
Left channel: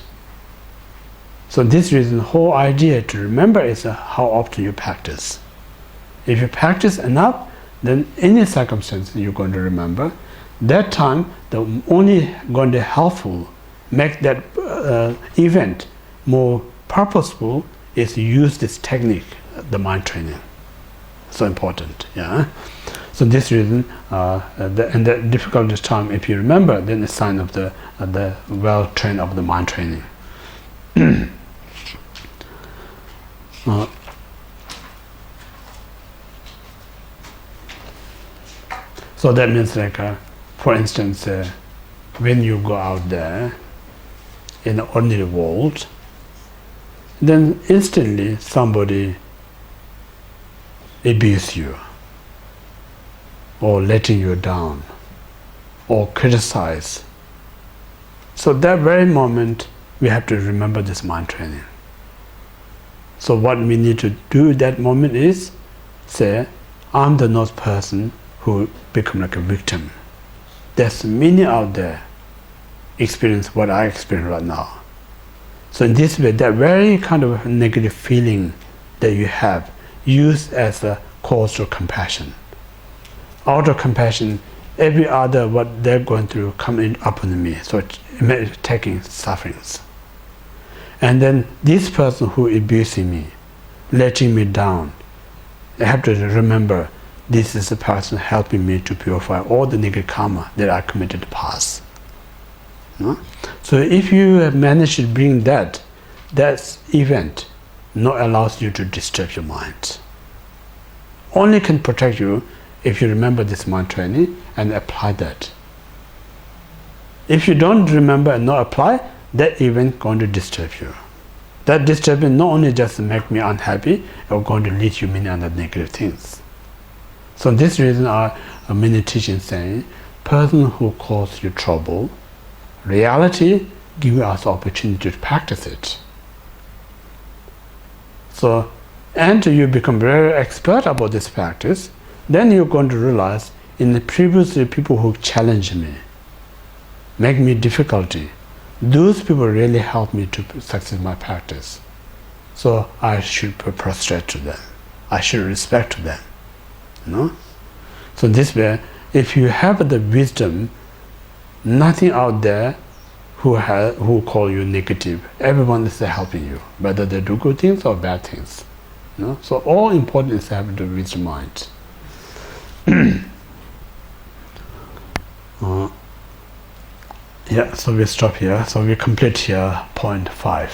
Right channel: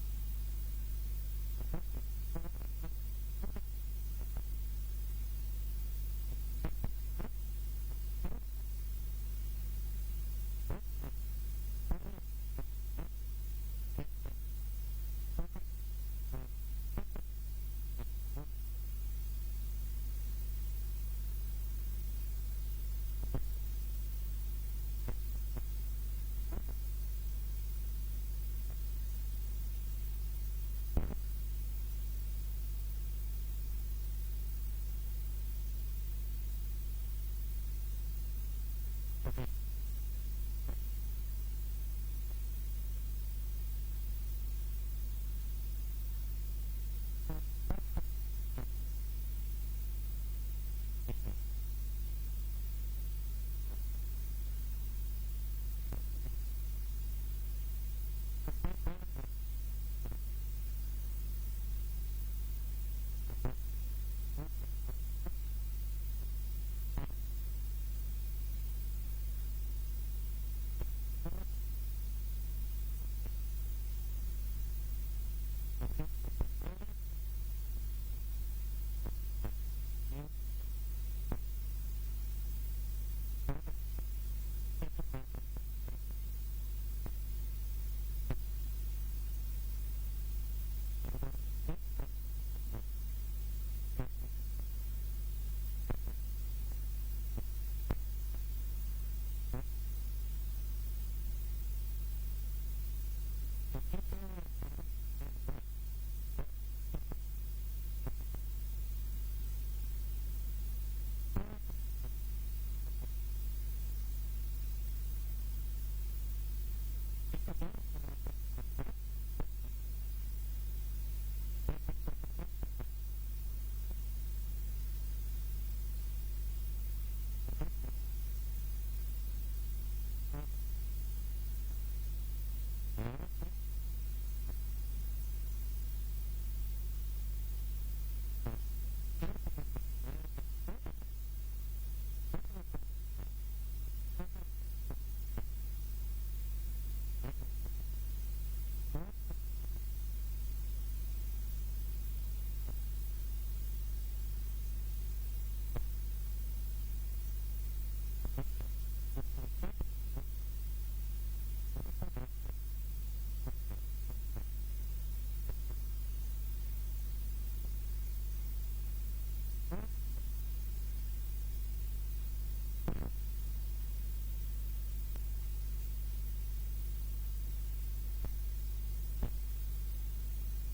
So this reason, the whole idea to remember is how often you practice. If you practice enough, then any circumstance you're going to remember. That time, the only going to helpful, make that event more purposeful is use this technique, the mind training. So important, yeah. So this reason, in the difficult time, if you remember, then it's a sign of the well trained of the mind training. So that means like, for instance, when you go out there, in the ordinary world, then instantly somebody abuse you, or letting you down, or criticize. So that very moment, we have to remember this mind training. So what we need to do at that moment is say, I'm the not person who become like a victim. There's many out there experience what I experience right now. So in this way, that very kind of negative feeling that you have, used as a cause of compassion. Out of compassion, every other what they're going through come in upon me, so taking sufferings. And then this person who abusing me, letting me down, I have to remember this is the person helping me to purify all the negative karma that I committed in the past. No? So if you have managed to bring that event not allows you to disturb your mind. Only can protect you if you remember this mind training and apply that. If you don't remember and not apply, that event going to disturb you. That disturbance not only just make me unhappy, it's going to lead you many other negative things. So this reason are many teachings saying, person who causes you trouble, reality gives us opportunity to practice it. So, and you become very expert about this practice, then you're going to realize in the previously people who challenge me, make me difficulty, those people really help me to succeed my practice. So I should prostrate to them. I should respect to them. No? So this way, if you have the wisdom, nothing out there who call you negative. Everyone is helping you, whether they do good things or bad things. No? So all important is having the wisdom mind. Yeah, so we stop here. So we complete here point 5.